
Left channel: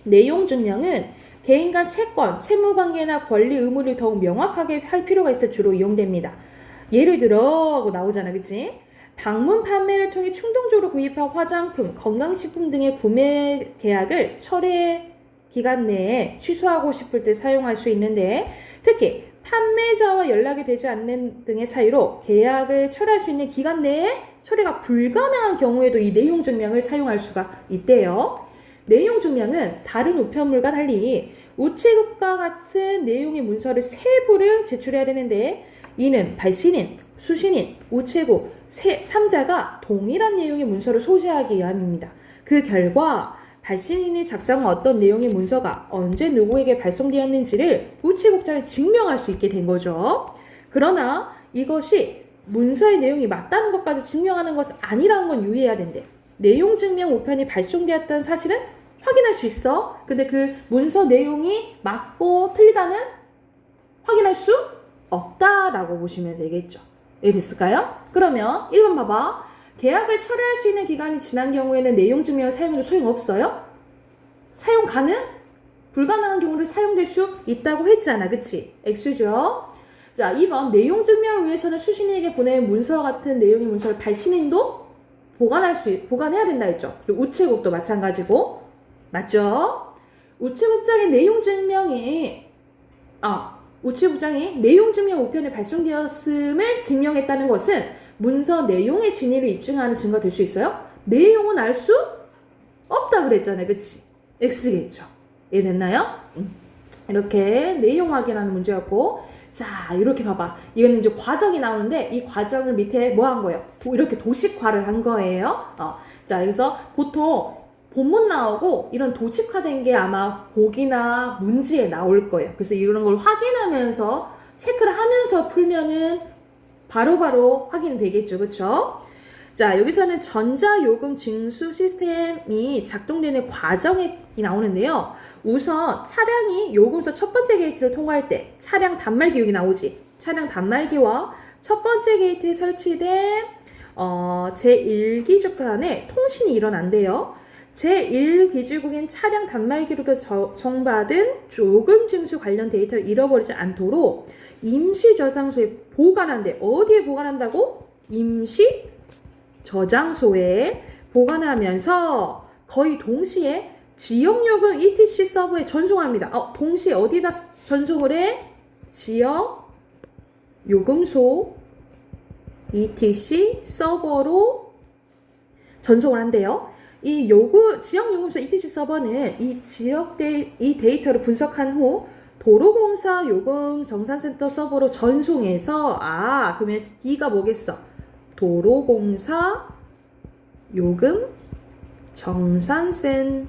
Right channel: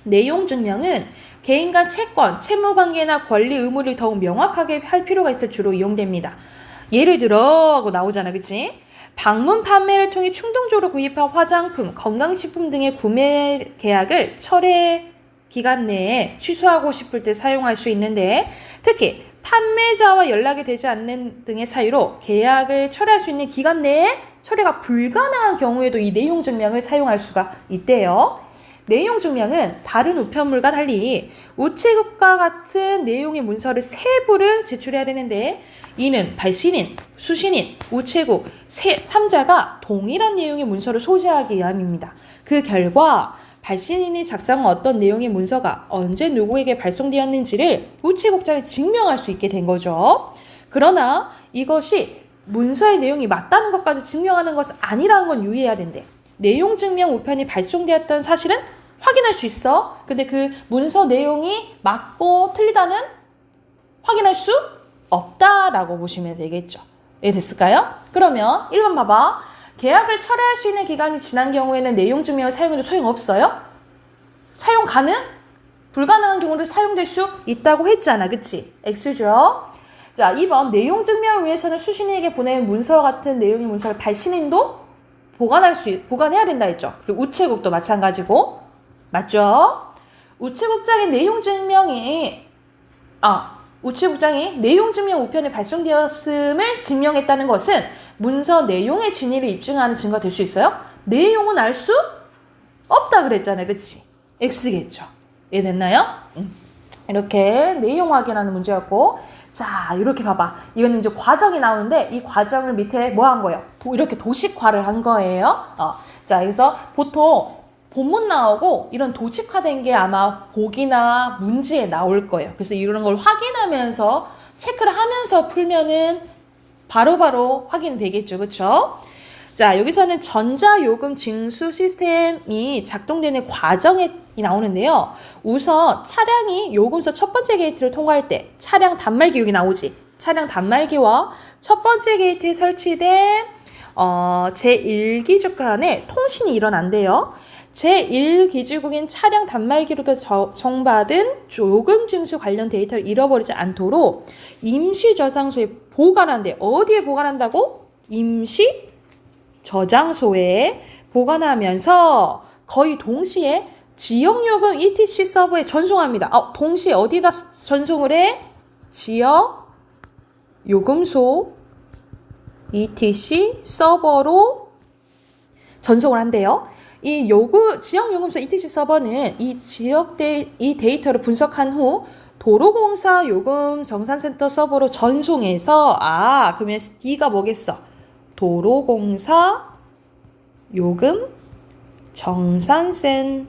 내용 증명은 개인 간 채권, 채무관계나 권리 의무를 더욱 명확하게 할 필요가 있을 주로 이용됩니다. 예를 들어 하고 나오잖아. 그치? 방문 판매를 통해 충동적으로 구입한 화장품, 건강식품 등의 구매 계약을 철회 기간 내에 취소하고 싶을 때 사용할 수 있는데, 특히 판매자와 연락이 되지 않는 등의 사유로 계약을 철회할 수 있는 기간 내에 철회가 불가능한 경우에도 이 내용 증명을 사용할 수가 있대요. 내용 증명은 다른 우편물과 달리 우체국과 같은 내용의 문서를 세부를 제출해야 되는데, 이는 발신인, 수신인, 우체국, 3자가 동일한 내용의 문서를 소지하기 위함입니다. 그 결과 발신인이 작성한 어떤 내용의 문서가 언제 누구에게 발송되었는지를 우체국장에 증명할 수 있게 된 거죠. 그러나 이것이 문서의 내용이 맞다는 것까지 증명하는 것은 아니라는 건 유의해야 된대. 내용 증명 우편이 발송되었던 사실은 확인할 수 있어. 근데 그 문서 내용이 맞고 틀리다는 확인할 수 없다라고 보시면 되겠죠. 이해됐을까요? 그러면 1번 봐봐. 계약을 철회할 수 있는 기간이 지난 경우에는 내용 증명을 사용해도 소용없어요? 사용 가능? 불가능한 경우도 사용될 수 있다고 했잖아. 그치? X죠. 자, 2번. 내용 증명을 위해서는 수신인에게 보낸 문서와 같은 내용의 문서를 발신인도 보관해야 된다 했죠. 그리고 우체국도 마찬가지고. 맞죠? 우체국장이 내용 증명 우편에 발송되었음을 증명했다는 것은 문서 내용의 진위를 입증하는 증거가 될 수 있어요? 내용은 알 수 없다 그랬잖아요. 그치? X겠죠. 이해됐나요? 이렇게 내용 확인하는 문제였고, 자, 이렇게 봐봐. 이거는 이제 과정이 나오는데 이 과정을 밑에 뭐 한 거예요? 이렇게 도식화를 한 거예요. 자, 그래서 보통 본문 나오고 이런 도식화된 게 아마 보기나 문제에 나올 거예요. 그래서 이런 걸 확인하면서 체크를 하면서 풀면은 바로바로 확인되겠죠. 그쵸? 자, 여기서는 전자요금 징수 시스템이 작동되는 과정이 나오는데요. 우선 차량이 요금소 첫 번째 게이트를 통과할 때 차량 단말기 여기 나오지. 차량 단말기와 첫 번째 게이트에 설치된 제1기준 간에 통신이 일어난대요. 제1기지국인 차량 단말기로부터 정받은 요금 징수 관련 데이터를 잃어버리지 않도록 임시 저장소에 보관한대. 어디에 보관한다고? 임시 저장소에 보관하면서 거의 동시에 지역요금 ETC 서버에 전송합니다. 동시에 어디다 전송을 해? 지역 요금소 ETC 서버로 전송을 한대요. 이 지역 요금소 ETC 서버는 이 데이터를 분석한 후 도로공사 요금 정산센터 서버로 전송해서 그러면 D가 뭐겠어? 도로공사 요금 정산센터의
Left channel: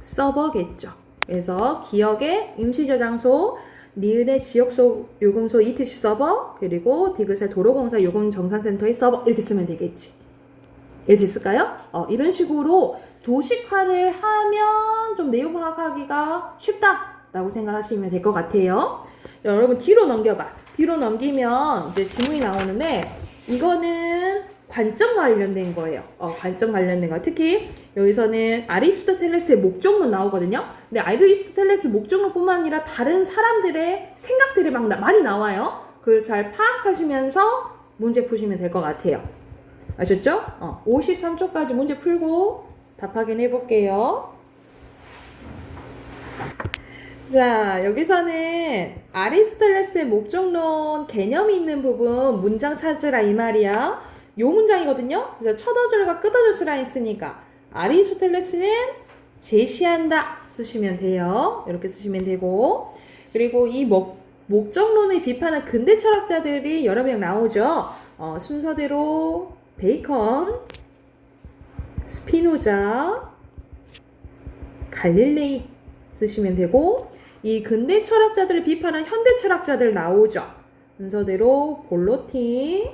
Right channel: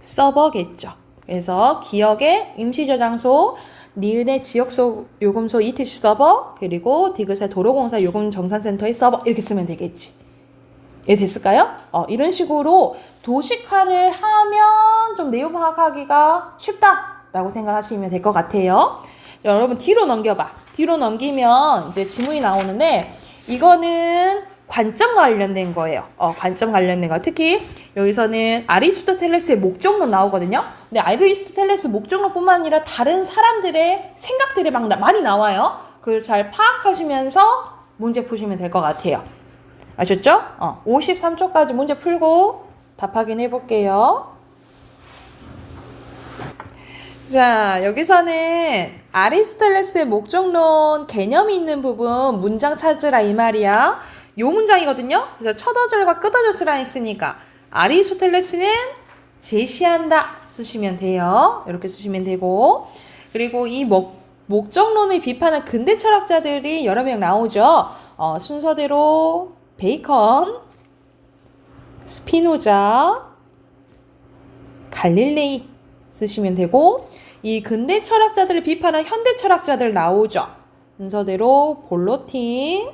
서버겠죠. 그래서 기억의 임시저장소, 니은의 지역소 요금소 ETC 서버, 그리고 디귿의 도로공사 요금 정산센터의 서버 이렇게 쓰면 되겠지. 됐을까요? 이런 식으로 도식화를 하면 좀 내용 파악하기가 쉽다라고 생각하시면 될 것 같아요. 여러분 뒤로 넘겨봐. 뒤로 넘기면 이제 지문이 나오는데 이거는 관점 관련된 거예요. 관점 관련된 거. 특히 여기서는 아리스토텔레스의 목적론 나오거든요. 근데 아리스토텔레스 목적론뿐만 아니라 다른 사람들의 생각들이 막 많이 나와요. 그걸 잘 파악하시면서 문제 푸시면 될 것 같아요. 아셨죠? 53초까지 문제 풀고 답 확인해 볼게요. 자, 여기서는 아리스토텔레스의 목적론 개념이 있는 부분 문장 찾으라 이 말이야. 요 문장이거든요. 그래서 첫 어절과 끝 어절 쓰라 했으니까 아리스토텔레스는 제시한다 쓰시면 돼요. 이렇게 쓰시면 되고, 그리고 이 목적론을 비판한 근대 철학자들이 여러 명 나오죠. 순서대로 베이컨, 스피노자, 갈릴레이 쓰시면 되고, 이 근대 철학자들을 비판한 현대 철학자들 나오죠. 순서대로 볼로틴,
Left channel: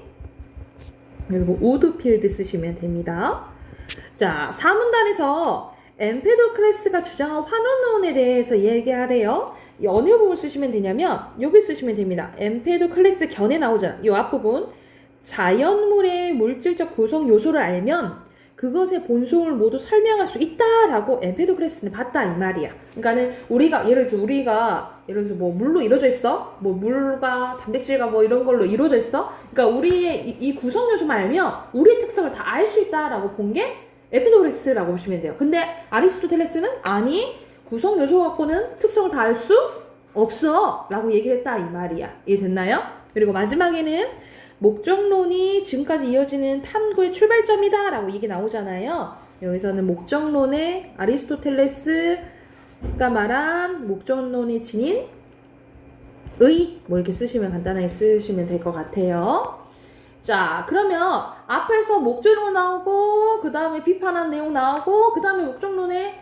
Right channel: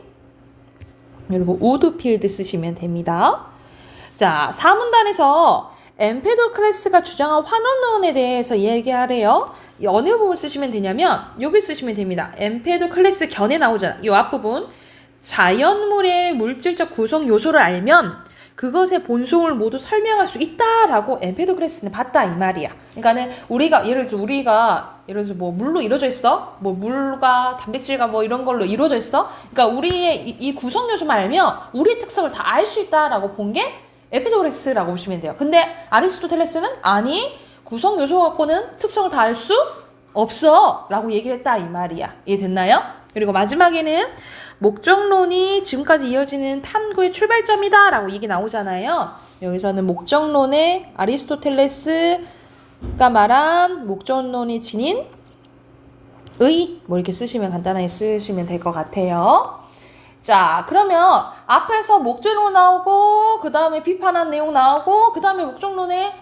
그리고 우드필드 쓰시면 됩니다. 자, 사문단에서 엠페도클레스가 주장한 환원론에 대해서 얘기하래요. 어느 부분 쓰시면 되냐면 여기 쓰시면 됩니다. 엠페도클레스 견해 나오잖아. 이 앞부분. 자연물의 물질적 구성 요소를 알면 그것의 본성을 모두 설명할 수 있다라고 엠페도클레스는 봤다 이 말이야. 그러니까는 예를 들어서 뭐 물로 이루어져 있어, 뭐 물과 단백질과 뭐 이런 걸로 이루어져 있어. 그러니까 우리의 이 구성 요소만 알면 우리의 특성을 다 알 수 있다라고 본 게 엠페도클레스라고 보시면 돼요. 근데 아리스토텔레스는 아니 구성 요소 갖고는 특성을 다 알 수 없어라고 얘기를 했다 이 말이야. 이해됐나요? 그리고 마지막에는 목적론이 지금까지 이어지는 탐구의 출발점이다 라고 얘기 나오잖아요. 여기서는 목적론의 아리스토텔레스가 말한 목적론이 지닌 뭐 이렇게 쓰시면 간단하게 쓰시면 될 것 같아요. 자, 그러면 앞에서 목적론 나오고 그 다음에 비판한 내용 나오고 그 다음에 목적론의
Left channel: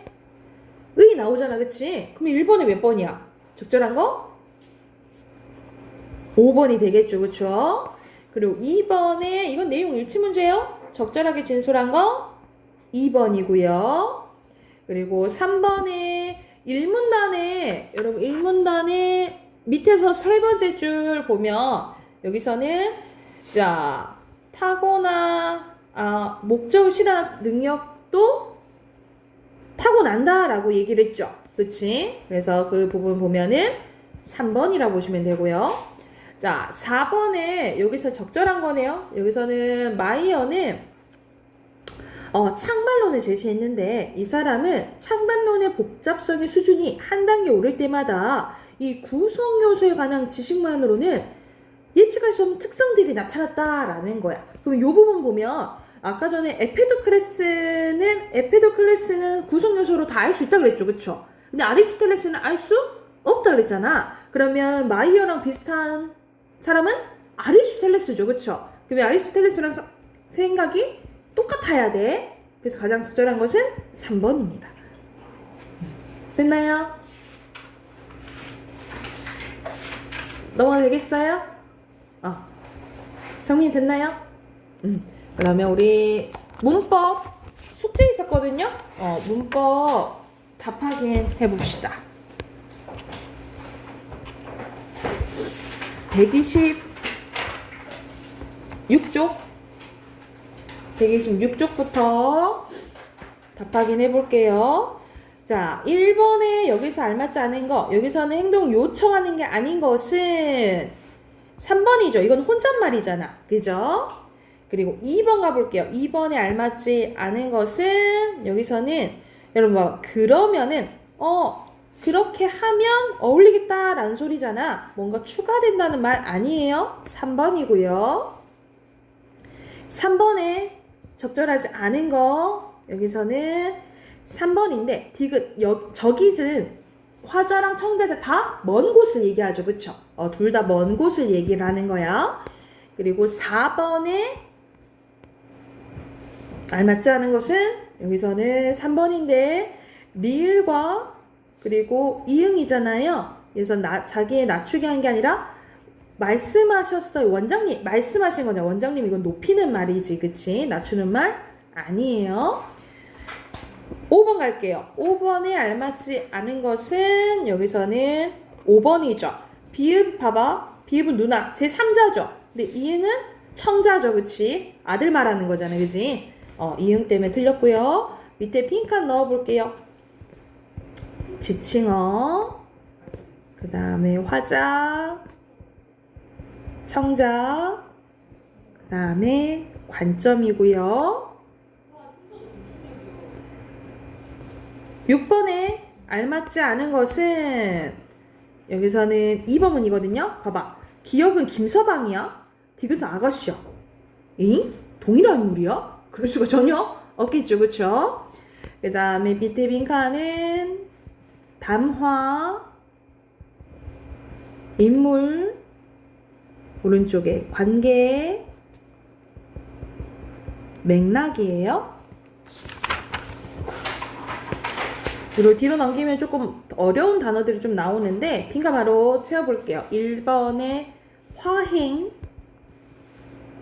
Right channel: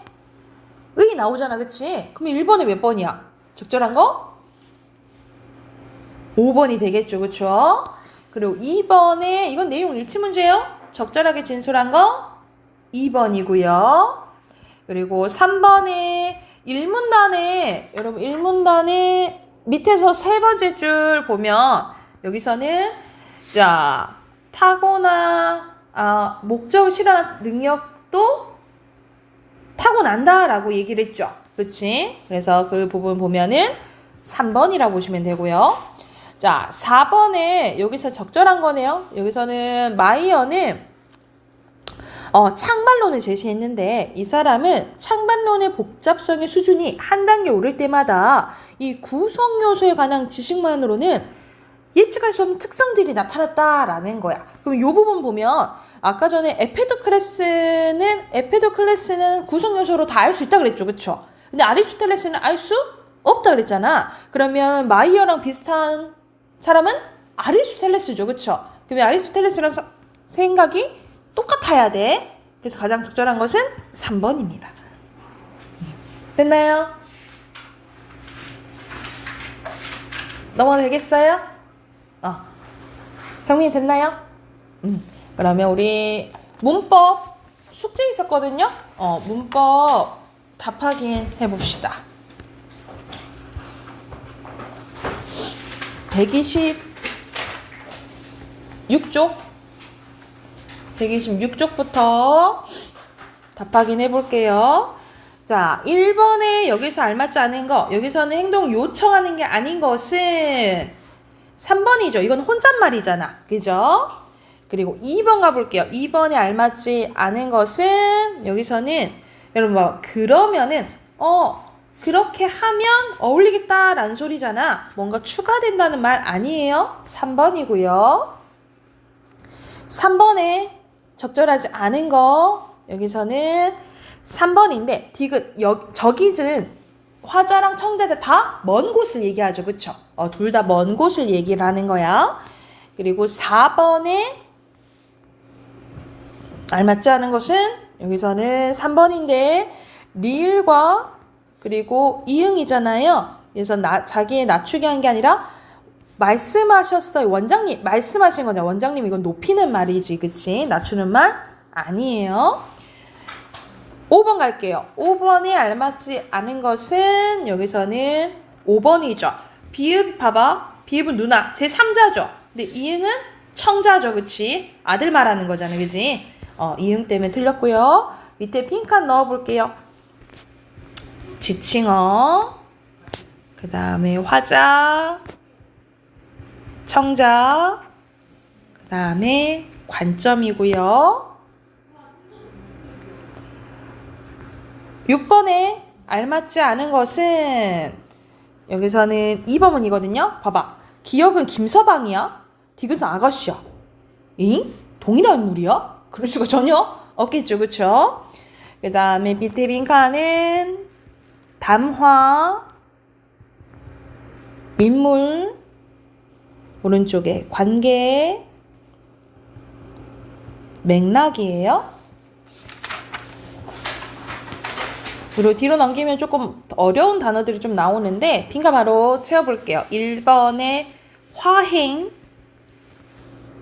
나오잖아, 그치? 그럼 1번이 몇 번이야? 적절한 거? 5번이 되겠죠, 그쵸? 그리고 2번에 이건 내용 일치 문제예요. 적절하게 진술한 거 2번이고요. 그리고 3번에 1문단에 여러분 1문단에 밑에서 세 번째 줄 보면 여기서는 자 타고나 목적을 실현한 능력도 타고난다라고 얘기를 했죠. 그치? 그래서 그 부분 보면은 3번이라고 보시면 되고요. 자, 4번에 여기서 적절한 거네요. 여기서는 마이어는 창반론을 제시했는데 이 사람은 창반론의 복잡성의 수준이 한 단계 오를 때마다 이 구성 요소에 관한 지식만으로는 예측할 수 없는 특성들이 나타났다라는 거야. 그럼 이 부분 보면 아까 전에 에페도클레스는 구성 요소로 다 알 수 있다 그랬죠, 그렇죠? 근데 아리스토텔레스는 알 수 없다 그랬잖아. 그러면 마이어랑 비슷한 사람은 아리스토텔레스죠, 그렇죠? 그러면 아리스토텔레스랑 생각이 똑같아야 돼. 그래서 가장 적절한 것은 3번입니다. 됐나요? 넘어가도 되겠어요? 정리됐나요? 그러면 우리 문법 숙제 있었거든요? 문법 답 확인해 봅시다. 126쪽부터 답 확인해 볼게요. 자, 1번에 여기서 알맞지 않은 거, 여기서는 행동 요청하는 게 아닌 것은 3번이죠. 이건 혼잣말이잖아. 그죠? 그리고 2번 가볼게요. 2번에 알맞지 않은 것은 여기서는 여러분 그러면은 그렇게 하면 어울리겠다라는 소리잖아. 뭔가 추가된다는 말 아니에요. 3번이고요. 3번에 적절하지 않은 거 여기서는 3번인데 디귿 저기는 화자랑 청자들 다 먼 곳을 얘기하죠. 그쵸? 둘 다 먼 곳을 얘기를 하는 거야. 그리고 4번에 알맞지 않은 것은 여기서는 3번인데 리을과 그리고 이응이잖아요. 그래서 자기의 낮추게 한 게 아니라 말씀하셨어요. 원장님 말씀하신 거냐. 원장님 이건 높이는 말이지. 그치? 낮추는 말 아니에요. 5번 갈게요. 5번에 알맞지 않은 것은 여기서는 5번이죠. 비읍 봐봐. 비읍은 누나. 제 3자죠. 근데 이응은 청자죠. 그치? 아들 말하는 거잖아. 그치? 이응 때문에 틀렸고요. 밑에 핑크한 넣어볼게요. 지칭어. 그 다음에 화자. 청자. 그 다음에 관점이고요. 6번에 알맞지 않은 것은 여기서는 2번이거든요. 봐봐. 기억은 김서방이야. 디귿은 아가씨야. 잉? 동일한 인물이야? 그럴 수가 전혀 없겠죠. 그쵸? 그 다음에 밑에 빈칸은 담화, 인물, 오른쪽에 관계, 맥락이에요. 그리고 뒤로 넘기면 조금 어려운 단어들이 좀 나오는데 빈칸 바로 채워볼게요. 1번에 화행,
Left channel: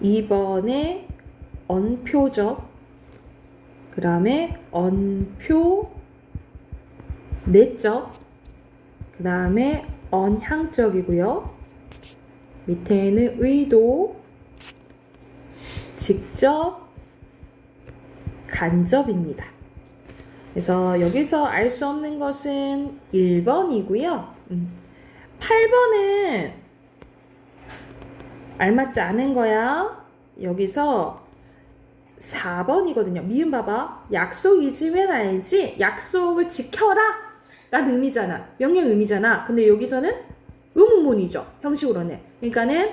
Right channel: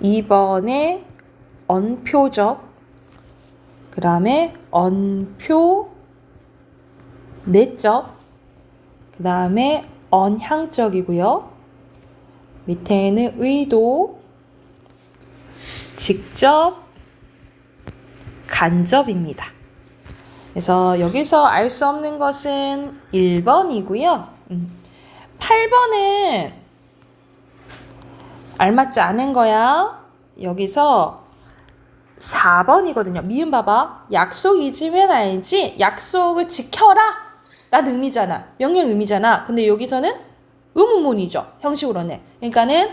2번에 언표적, 그 다음에 언표, 내적, 그 다음에 언향적이고요. 밑에는 의도, 직접, 간접입니다. 그래서 여기서 알 수 없는 것은 1번이고요. 8번은 알맞지 않은 거야. 여기서 4번이거든요. 미음 봐봐. 약속 잊으면 알지. 약속을 지켜라 라는 의미잖아. 명령 의미잖아. 근데 여기서는 의문문이죠. 형식으로는. 그러니까는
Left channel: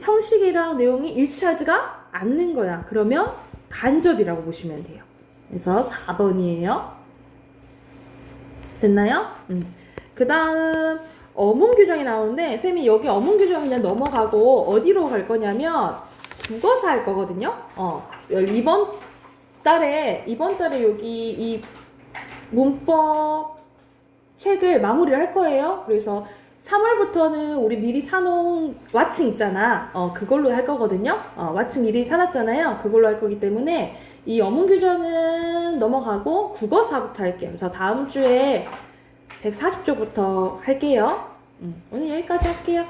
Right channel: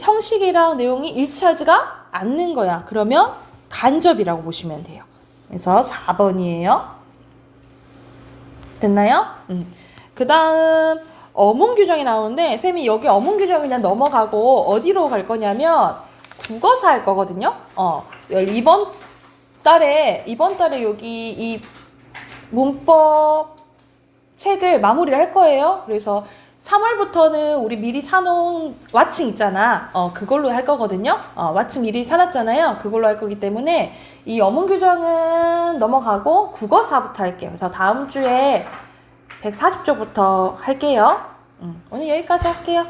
형식이랑 내용이 일치하지가 않는 거야. 그러면 간접이라고 보시면 돼요. 그래서 4번이에요. 됐나요? 그 다음 어문 규정이 나오는데 쌤이 여기 어문 규정 그냥 넘어가고 어디로 갈 거냐면 국어사 할 거거든요. 이번 달에 여기 이 문법 책을 마무리를 할 거예요. 그래서 3월부터는 우리 미리 사놓은 와칭 있잖아. 그걸로 할 거거든요. 와칭 미리 사놨잖아요. 그걸로 할 거기 때문에 이 어문 규정은 넘어가고 국어사부터 할게요. 그래서 다음 주에 140조부터 할게요. 오늘 여기까지 할게요.